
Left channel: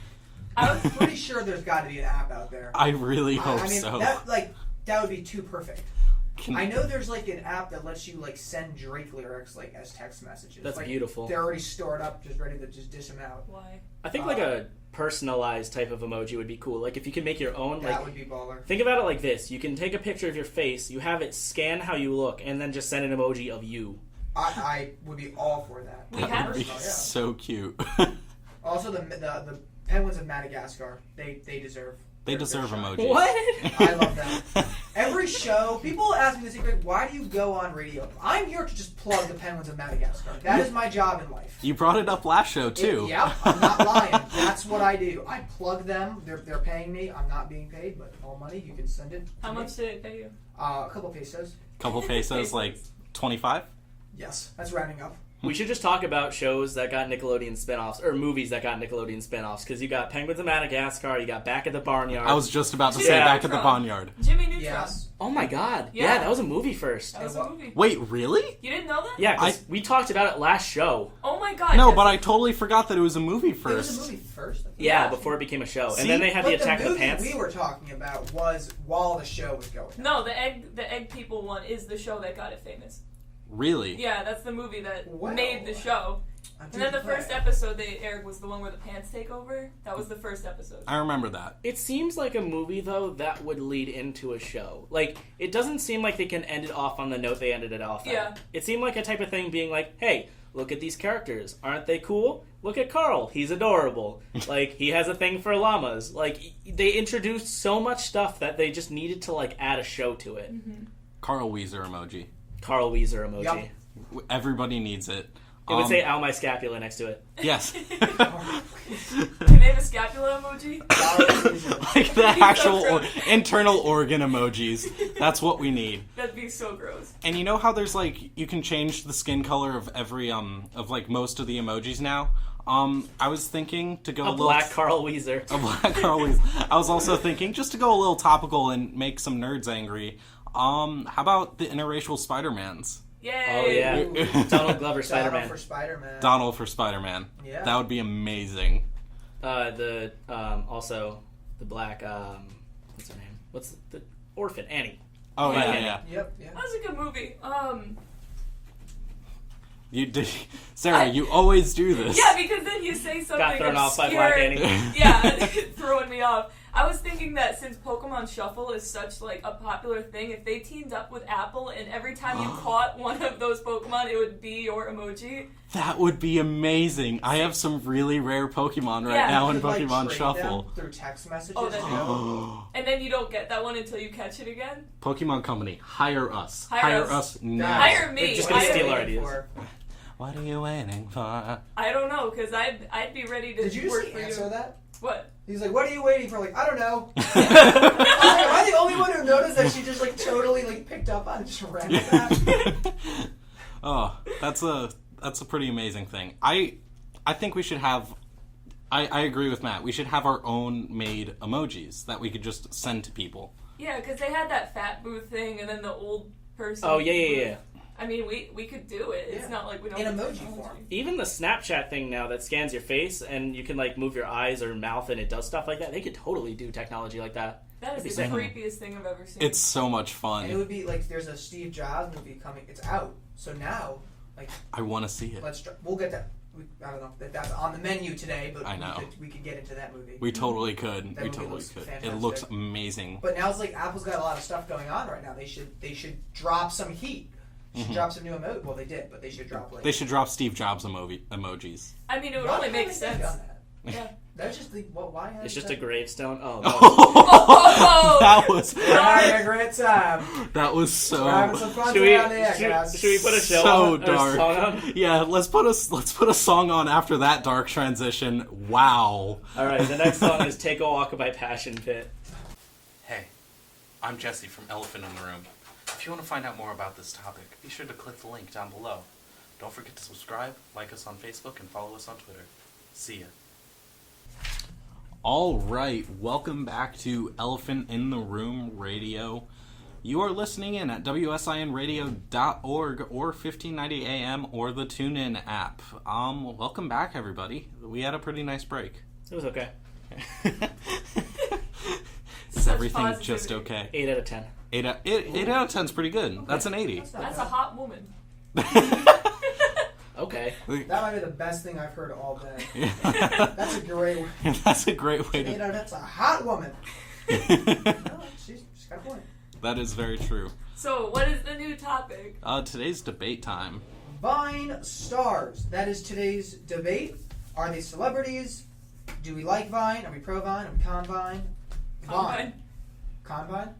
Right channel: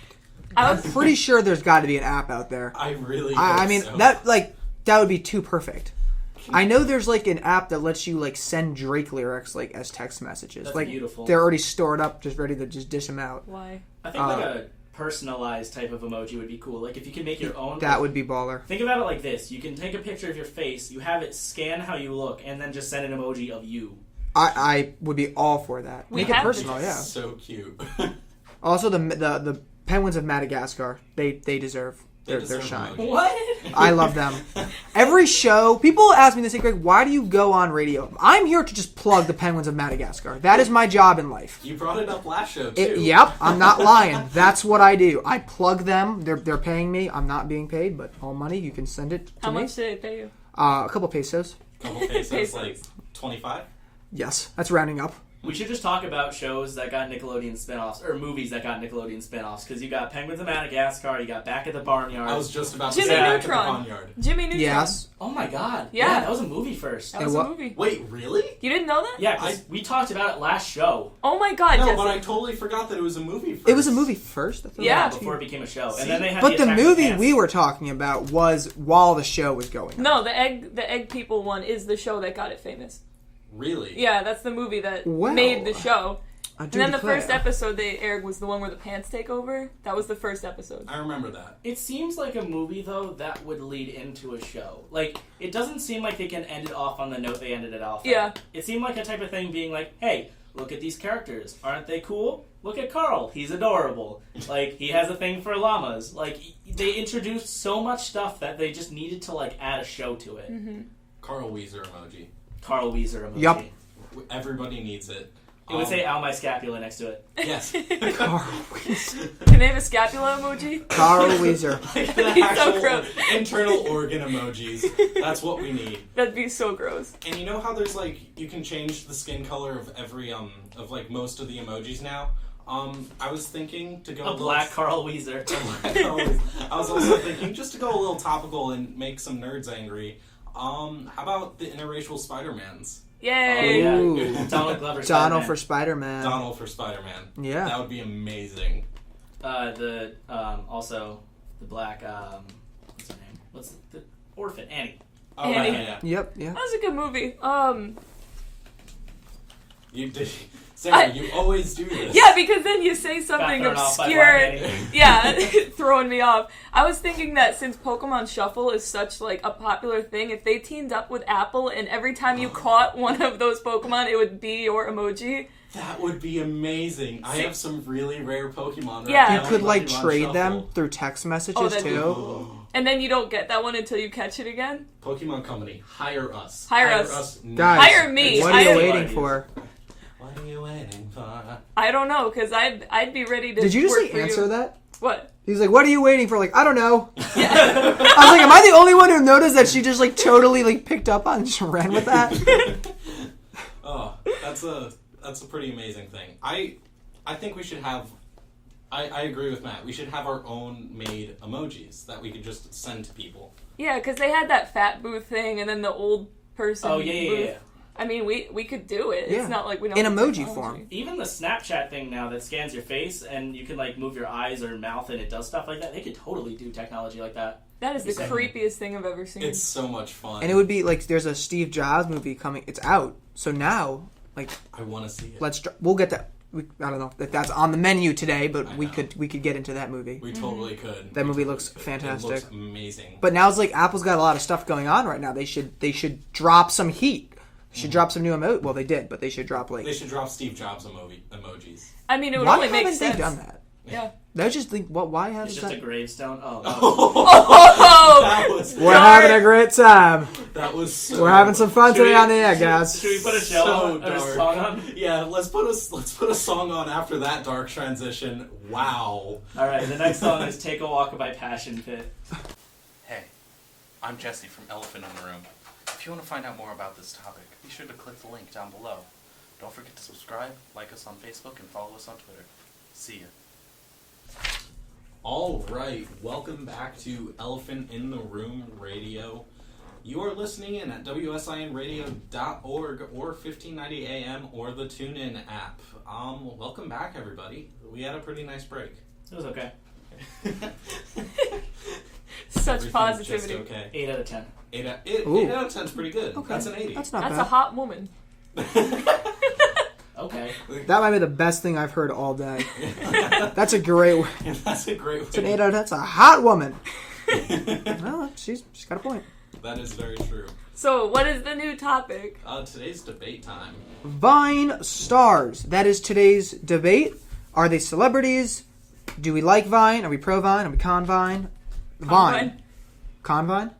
I'm pretty sure there's got to be an app out there. I really hope I mean, so. that would be too perfect. Can- I know there's like an app that lets you like send Drake lyrics like as text messages. That's like beautiful. they're already stored up, just ready to just dish them out. Why? I think like a personalized type of emoji would be cool. Like if you could make your own. That would be baller. Think about it like this: you can take a picture of your face, you have it scan how you look, and then just send an emoji of you. I would be all for that. We Make it have- personal, yeah. So cute. Also, the penguins of Madagascar, they deserve. They their deserve shine. emojis. What? I love them. Every show, people ask me this, Greg, why do you go on radio? I'm here to just plug the penguins of Madagascar. That is my job in life. You brought it up last show, too. Yep, I'm not lying. That's what I do. I plug them. They're paying me. I'm not being paid, but all money, you can send it to How me. much did it pay you? A couple pesos. Couple pesos, like 25? Yes, that's rounding up. We should just talk about shows that got Nickelodeon spinoffs, or movies that got Nickelodeon spinoffs, because you got Penguins of Madagascar, you got Back at the Barnyard. I was just about to Jimmy say Back at the Neutron. Barnyard. Jimmy Neutron. Yes. Oh my god. Yeah. That was a movie first. That was And a what- movie. Wait, really? You didn't know that? Yeah, 'cause we talked about it last show. Oh my god. No, yes. but I totally forgot that it was a movie first. It was a movie first. I thought Yeah. it was Before it became a show. See? And then they had But the Attack of movie Ants. we were talking about was while the show was going. No, the egg people one is the show that got it famous. Really? Yeah, that's the movie that Wow. made the show. I And do then the declare. first episode they aired was the one where the pants take over. That was the first episode. I remember that. It seems like a movie, though, that would lead into a show. Like, it doesn't seem like they can end it off on the note they ended it off on. Yeah. It seemed like a type of thing being like, hey, look at these characters. Aren't they cool? Look at Carl. He's adorable. Like, he has a thing for llamas. Like, they introduced so much stuff that they just needed to, like, add a show to it. Mm-hmm. Carl Weezer emoji. Carl Weezer emoji. Yup. Everybody needs it. It would say Al my scapula next to it. Yes. Carl Weezer. Can they have a scapula emoji? Carl Weezer. Like the So actual gross. internal organ emojis. That's what we need. That'd be so gross. And you know how there's like you can change the skin color of every of like most of the emojis now? I was thinking to go A a little black Carl Weezer. a black Carl Weezer. I was also thinking just to go a little topical and make some nerds angry. How about the interracial Spider-Mans? Oh, Yay! yeah. Ooh. Donald Glover Donald Spider-Man. for Spider-Man. Donald for Spider-Man. Yeah. That would be amazing. Also, the black, what's her name? What's the orphan? Annie. Oh Yeah. yeah. Yep. Yeah. That was a good movie. You did, Sarah. You always do this. Yeah, because then you say Got something thrown off by obscure. Black Annie. Yeah, throwing me off. I was thinking that since Pokemon Shuffle is such like a popular thing, if they teamed up with Apple and every time you caught one of those Pokemon, it would be your emoji. That would be amazing. I have some really rare Pokemon right Yeah. now You in could like Pokemon trade Shuffle. them through text messages that'd be too. And then you don't get that one until you catch it again. Pokemon Company, hire us. Hire us. now. Guys, Hire me. What are you Hire- waiting for? What are you waiting for? I don't know, because I'd be ready to. Did you just work like for answer you. that? What? He's like, "What are you waiting for?" Like, I don't know. I was like, "Am I the only one who noticed that she just like totally like picked up on and just ran with that?" Oh, that's a pretty amazing thing. I think we should have. I agree with Matt. We should have our own made emojis that we could just send to people. Yeah, because they had that fat booth thing, and then the old person. Oh, yeah. booth. I mean, we could do it. Yeah. It's not like we don't. In have emoji technology. form. Even the Snapchat thing now that scans your face and you can like move your eyes or mouth and it does stuff like that, they could totally do technology like that. That is the creepiest thing I've ever seen. It's so much fun. And it would be like there's a Steve Jobs movie coming. It's out. So now, like, I want to see it. we'll get that. I don't know if that's on the menu today, but I we know. could get into that movie. We totally could. That We movie totally looks could. fantastic. It looks amazing. But now it's like Apple's got a lot of stuff going on right now. They should drop some heat. They should drop some new emoji. Well, they did, but they should drop like. They should drop Steve Jobs emojis. I mean, it would Why only make haven't they sense. done that? Yeah. That's just like what? Why haven't It's just that? a gravestone. Oh, Oh, That was We're having a great time. that was so. We're having some fun Should today we- on the air, guys. Should we put a show So on? dark. Or a song on? Yeah, let's put a song on after that dark transition. Wow. All right, the next song is "Take a Walk" by Passion Pit. Hey, I'm Jesse from Elephant in the Room. If you want to find out more about this topic, be sure to click the link down below. Don't forget to subscribe, like us on Facebook, and follow us on Twitter. See ya. All right, welcome back to Elephant in the Room Radio. You are listening in at WSINradio.org or 1590 AM or the TuneIn app. Welcome back, everybody. We had a pretty nice break. It was okay. Such Everything's positivity. just okay. 8 out of 10. 8 Ooh. out of 10 is pretty good. Okay. That's an 80. That's not That's a bad. hot woman. Okay. That might be the best thing I've heard all day. That's a great. That's a great It's an way. 8 out of 10. That's a hot woman. No, she's got a point. That is very true. So, what is the new topic? Today's debate time. Vine stars. That is today's debate. Are they celebrities? Do we like Vine? Are we pro Vine? Are we con Vine? Vine. Con Vine?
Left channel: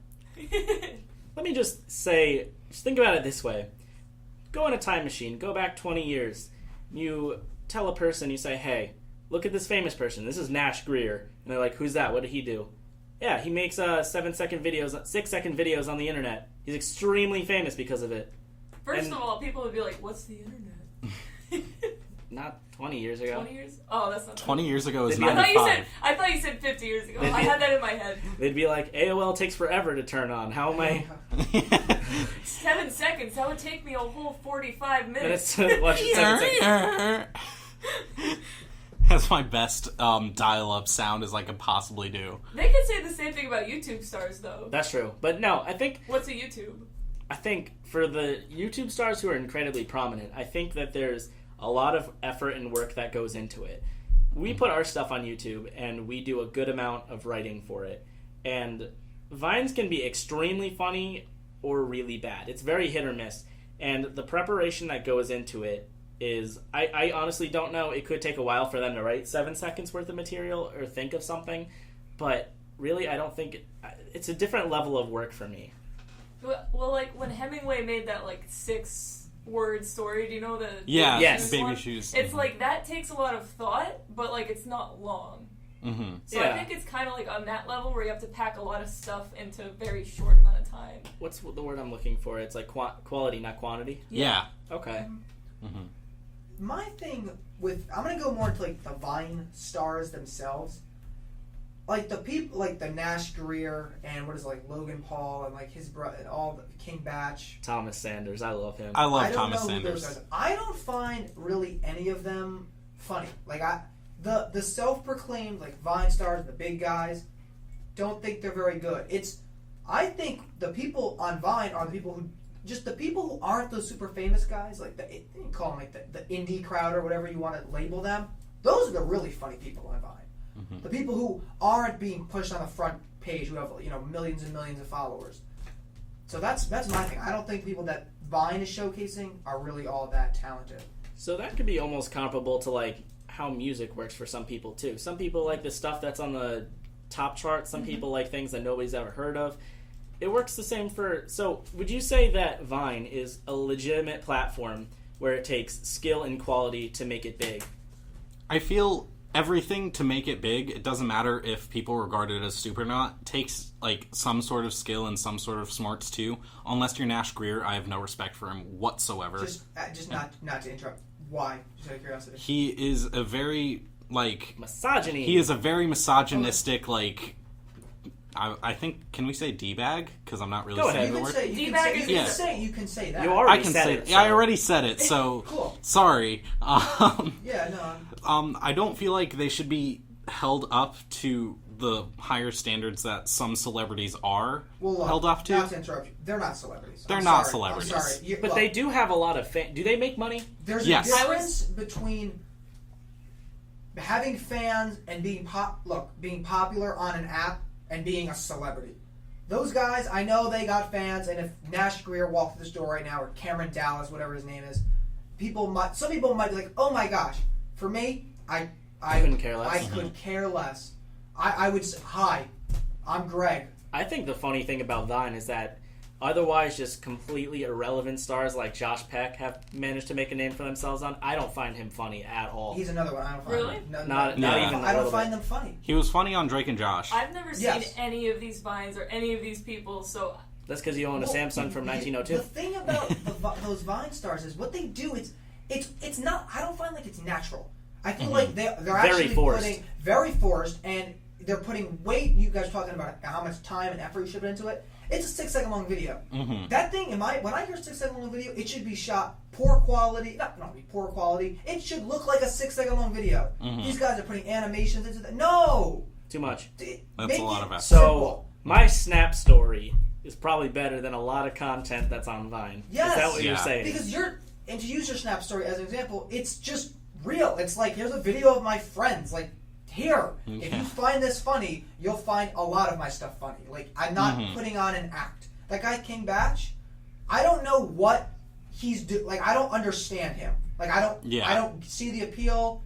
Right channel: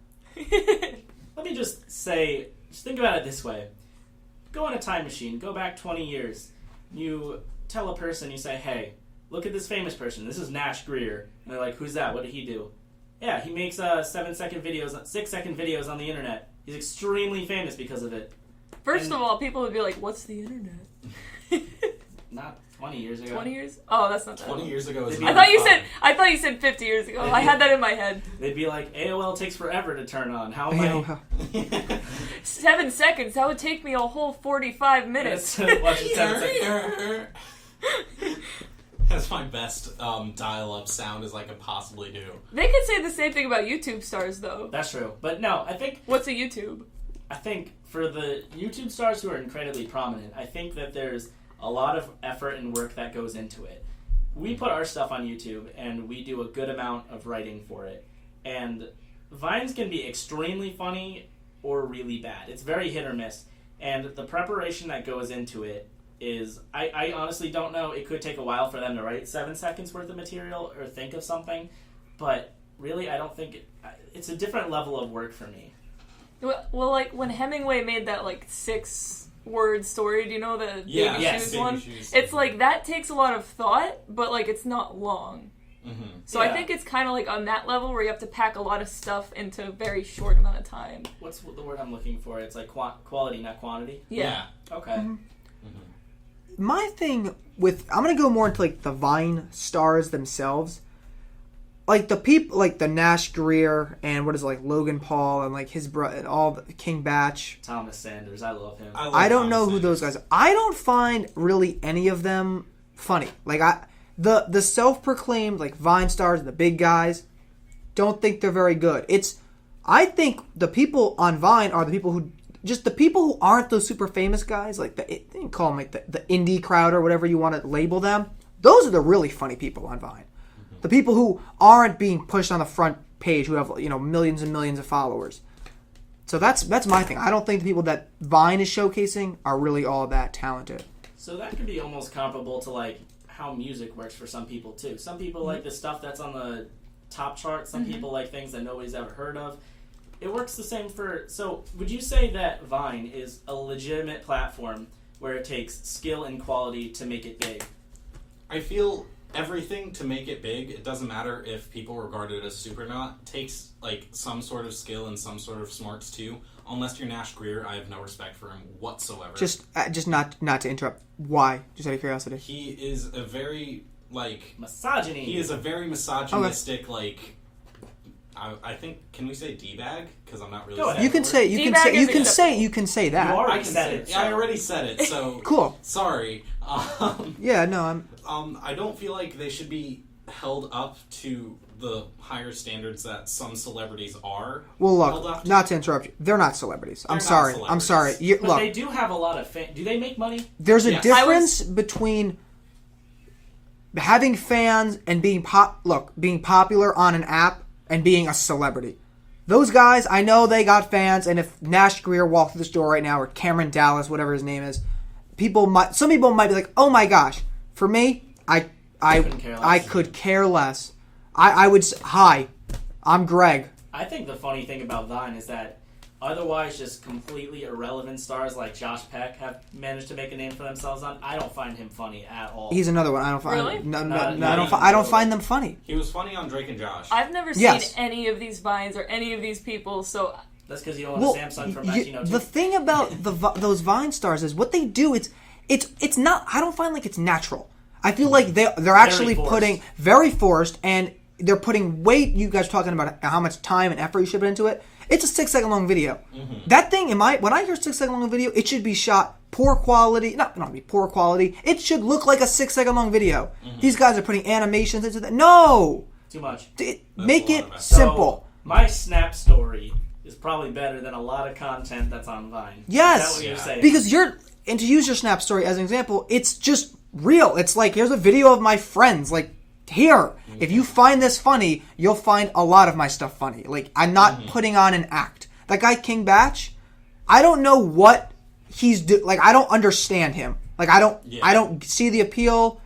Let me just say, just think about it this way. Go in a time machine, go back 20 years. You tell a person, you say, hey, look at this famous person. This is Nash Greer. And they're like, who's that? What did he do? Yeah, he makes 6-second videos on the internet. He's extremely famous because of it. First of all, people would be like, "What's the internet?" Not 20 years ago. 20 years? Oh, that's not. 20 years ago is I I 95. thought you said 50 years ago. I had that in my head. They'd be like, AOL takes forever to turn on. How am I... 7 seconds. That would take me a whole 45 minutes. Watch it 7 seconds. That's my best dial-up sound as I could possibly do. They could say the same thing about YouTube stars, though. That's true. But no, I think What's a YouTube? for the YouTube stars who are incredibly prominent, I think that there's a lot of effort and work that goes into it. We put our stuff on YouTube, and we do a good amount of writing for it. And Vines can be extremely funny or really bad. It's very hit or miss. And the preparation that goes into it is, I honestly don't know. It could take a while for them to write 7 seconds worth of material or think of something. But really, I don't think it's a different level of work for me. Well, like when Hemingway made that like 6-word story, do you know the Yeah, Baby Yes. Shoes Baby one? Shoes. It's like that takes a lot of thought, but like it's not long. Mm-hmm. So I Yeah. think it's kind of like on that level where you have to pack a lot of stuff into a very short amount of time. What's the word I'm looking for? It's like quality, not quantity. Yeah. Okay. Mm-hmm. My thing with I'm gonna go more into like the Vine stars themselves, like the people like the Nash Greer and what is it, like Logan Paul and like his brother and all the King Batch. Thomas Sanders, I love him. I don't Thomas know who Sanders. those guys are. I don't find really any of them funny. Like the self-proclaimed like Vine stars, the big guys, don't think they're very good. I think the people on Vine are the people who aren't those super famous guys, like you can call them like the indie crowd or whatever you want to label them. Those are the really funny people on Vine. The people who aren't being pushed on the front page, who have millions and millions of followers. So that's my thing. I don't think the people that Vine is showcasing are really all that talented. So that could be almost comparable to like how music works for some people too. Some people like the stuff that's on the top chart. Some people like things that nobody's ever heard of. It works the same for... So would you say that Vine is a legitimate platform where it takes skill and quality to make it big? I feel everything to make it big, it doesn't matter if people regard it as stupid or not, takes like some sort of skill and some sort of smarts too. Unless you're Nash Greer, I have no respect for him whatsoever. Just not to interrupt. Why? Just out of curiosity. He is a very Misogyny. He is a very misogynistic I think, can we say D-bag? Because I'm not really Go saying ahead. You can the say word. you can D-bag say is you can acceptable. say that. You already I can said say it, yeah, I so- already said it, so Cool. sorry. Yeah, no, I don't feel like they should be held up to the higher standards that some celebrities are well, held up look, to. not to interrupt you. They're not celebrities. I'm They're not sorry. celebrities. I'm sorry. You, But look, they do have a lot of fans. Do they make money? there's a Yes. difference between having fans and being being popular on an app and being a celebrity. Those guys, I know they got fans, and if Nash Greer walked through the store right now, or Cameron Dallas, whatever his name is, some people might be like, "Oh my gosh!" For me, I couldn't care less. I could care less. I would hi, I'm Greg. I think the funny thing about Vine is that otherwise just completely irrelevant stars like Josh Peck have managed to make a name for themselves on. I don't find him funny at all. He's another one. I don't find Really? no, Not I don't find them funny. He was funny on Drake and Josh. I've never seen Yes. any of these Vines or any of these people, so That's because you own Well, a Samsung from y- 1902. the thing about those Vine stars is what they do. It's not. I don't find like it's natural. I feel like they're actually forced. putting very forced, and they're putting weight. You guys talking about how much time and effort you should put into it. It's a 6 second long video. That thing, when I hear 6 second long video, it should be shot poor quality. Not be poor quality. It should look like a 6 second long video. These guys are putting animations into that. No, Too much. make a lot it of effort. simple. So, my Snap story is probably better than a lot of content that's on Vine. Yes. Is that what you're Yeah. saying? Because and to use your Snap story as an example, it's just real. It's like, here's a video of my friends. Like, here. If you find this funny, you'll find a lot of my stuff funny. Like, I'm not putting on an act. That guy, King Batch, I don't know what he's like, I don't understand him. Like, I don't see the appeal.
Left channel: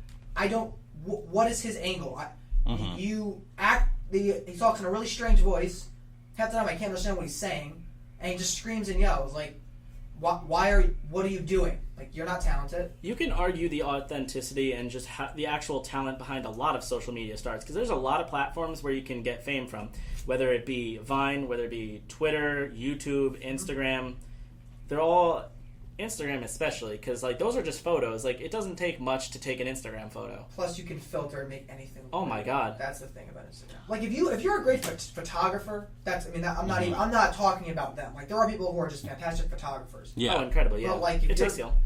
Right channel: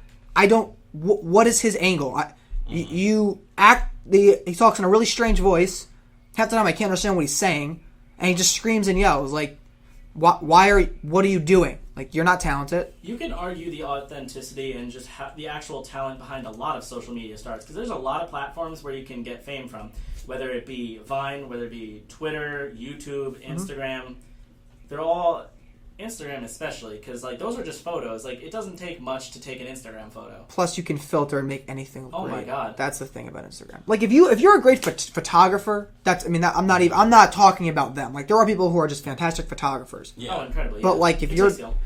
What is his angle? You act, he talks in a really strange voice. Half the time I can't understand what he's saying. And he just screams and yells. Like, what are you doing? Like, you're not talented. You can argue the authenticity and just the actual talent behind a lot of social media stars, because there's a lot of platforms where you can get fame from, whether it be Vine, whether it be Twitter, YouTube, Instagram. They're all Instagram especially, because like those are just photos. Like, it doesn't take much to take an Instagram photo. Plus, you can filter and make anything look Oh great. my God. That's the thing about Instagram. Like, if you're a great photographer, I'm not talking about them. Like, there are people who are just fantastic photographers. Yeah. Oh, incredibly. But yeah. like, if It's you're a skill.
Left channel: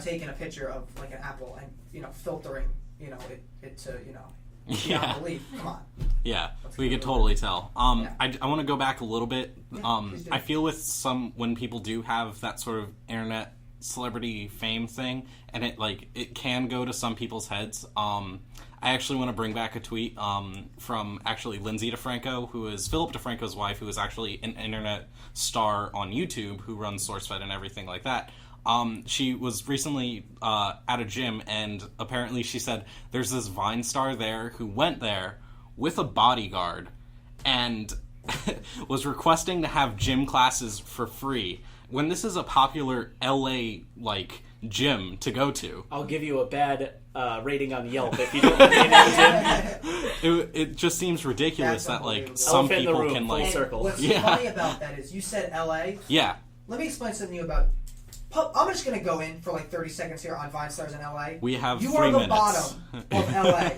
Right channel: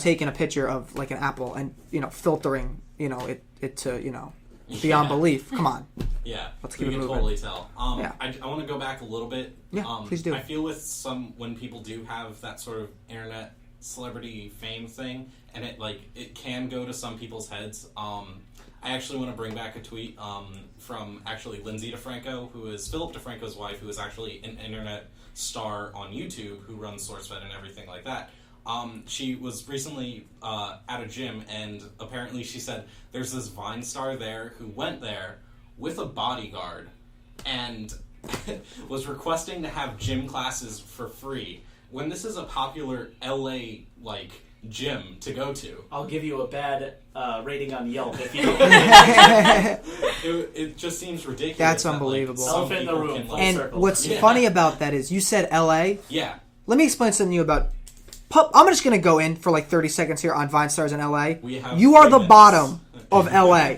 taking a picture of like an apple and filtering it to beyond belief. Come on. Yeah, Let's we keep can it moving. totally tell. Yeah. I want to go back a little bit. Yeah, please do. I feel with when people do have that sort of internet celebrity fame thing, and it can go to some people's heads. I actually want to bring back a tweet from actually Lindsay DeFranco, who is Philip DeFranco's wife, who is actually an internet star on YouTube, who runs SourceFed and everything like that. She was recently at a gym, and apparently she said there's this Vine star there who went there with a bodyguard and was requesting to have gym classes for free, when this is a popular LA gym to go to. I'll give you a bad rating on Yelp if you don't. It just seems ridiculous. That's that, unbelievable. some Elephant in the people room, can full And circle. what's Yeah. funny about that is you said LA. yeah. Let me explain something to you about. I'm just gonna go in for like 30 seconds here on Vine stars in LA. We have You are 3 the minutes. bottom of LA.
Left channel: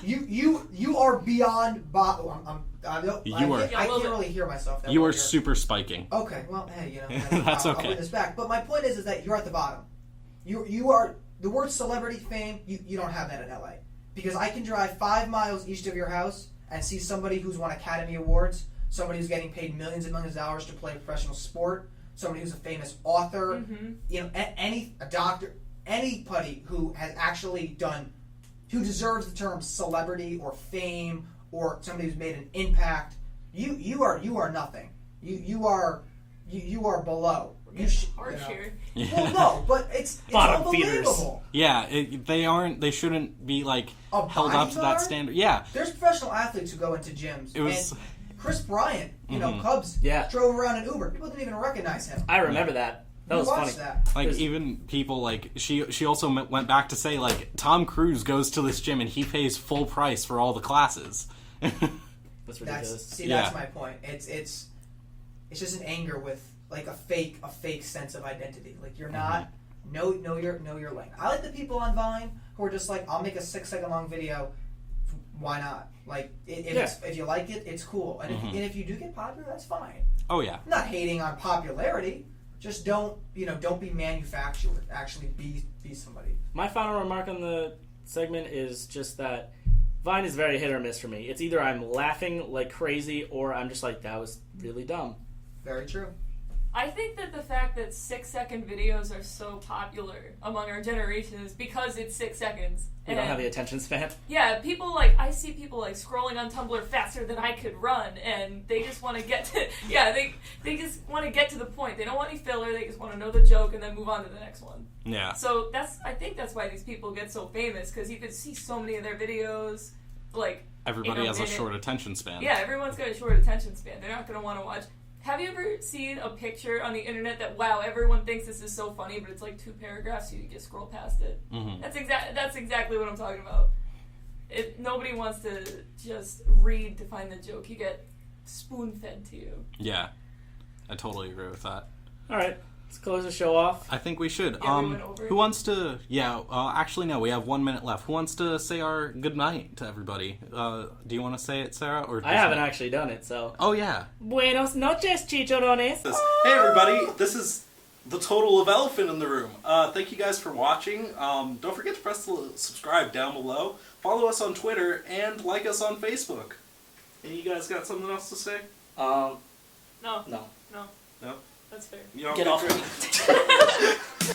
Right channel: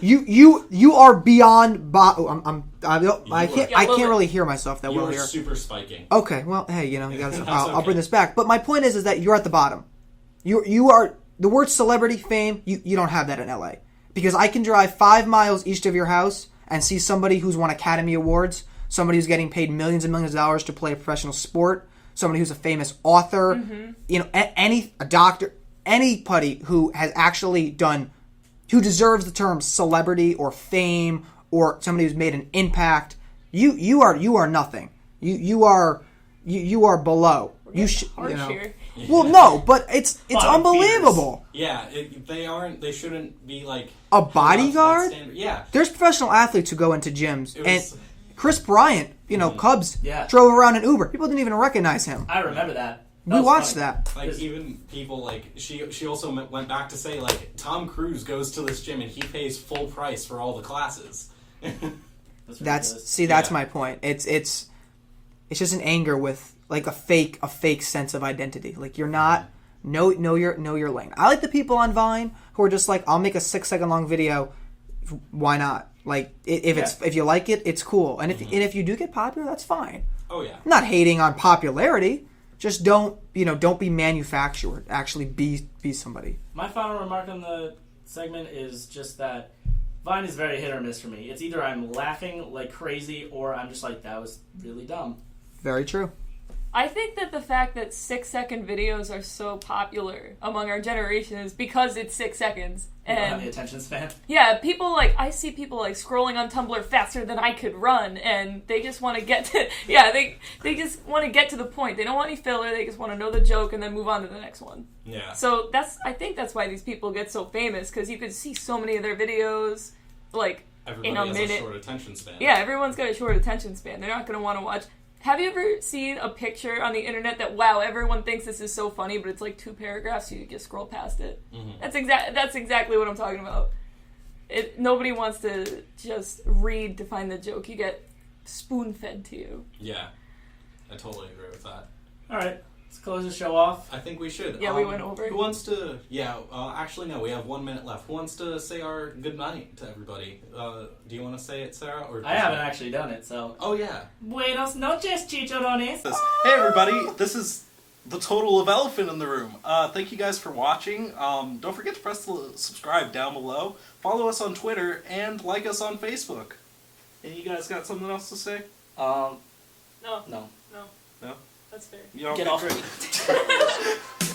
You are beyond I can't really hear myself that You well are here. super spiking. Okay, well, hey, That's I'll okay. bring this back. But my point is that you're at the bottom. You are the word celebrity fame. You don't have that in LA, because I can drive 5 miles east of your house and see somebody who's won Academy Awards, somebody who's getting paid millions and millions of dollars to play a professional sport, somebody who's a famous author, a doctor, anybody who has actually done, who deserves the term celebrity or fame, or somebody who's made an impact. You are nothing. You are below. You should. harsh here. Well, no, but it's Bottom unbelievable. Yeah, they shouldn't be like A held up to that bodyguard? standard. Yeah. There's professional athletes who go into gyms, It was- and Chris Bryant, Cubs, Yeah. drove around an Uber. People didn't even recognize him. I remember that. We was watched funny. that. Like, There's- even people, she also went back to say, Tom Cruise goes to this gym and he pays full price for all the classes. That's ridiculous. That's Yeah. my point. It's just an anger with like a fake sense of identity. Like, you're not know your lane. I like the people on Vine who are just like, I'll make a 6 second long video, why not? Like, if you like it, it's cool. And if you do get popular, that's fine. Oh yeah. I'm not hating on popularity. Just don't be manufactured. Actually be somebody. My final remark on the segment is just that Vine is very hit or miss for me. It's either I'm laughing like crazy or I'm just like, that was really dumb. Very true. I think that the fact that 6-second videos are so popular among our generation is because it's 6 seconds. You don't have the attention span. Yeah, I see people like scrolling on Tumblr faster than I could run, and they just want to get to, they just want to get to the point. They don't want any filler, they just want to know the joke and then move on to the next one. Yeah. So I think that's why these people get so famous, because you could see so many of their videos, like, everybody has a short attention span. Yeah, everyone's got a short attention span. They're not going to want to watch. Have you ever seen a picture on the internet that, wow, everyone thinks this is so funny, but it's like 2 paragraphs, so you just scroll past it? Mm-hmm. That's exactly what I'm talking about. Nobody wants to just read to find the joke. You get spoon-fed to you. Yeah, I totally agree with that. All right, let's close the show off. I think we should. Yeah, we went over. Who wants to? Yeah, actually no. We have 1 minute left. Who wants to say our good night to everybody? Do you want to say it, Sarah, or I haven't actually done it, so. Oh yeah. Buenos noches, chicharrones. Hey everybody, this is the total of Elephant in the Room. Thank you guys for watching. Don't forget to press the subscribe down below. Follow us on Twitter and like us on Facebook. And you guys got something else to say? No. No. No. No? That's fair. You don't Get think off we're- me.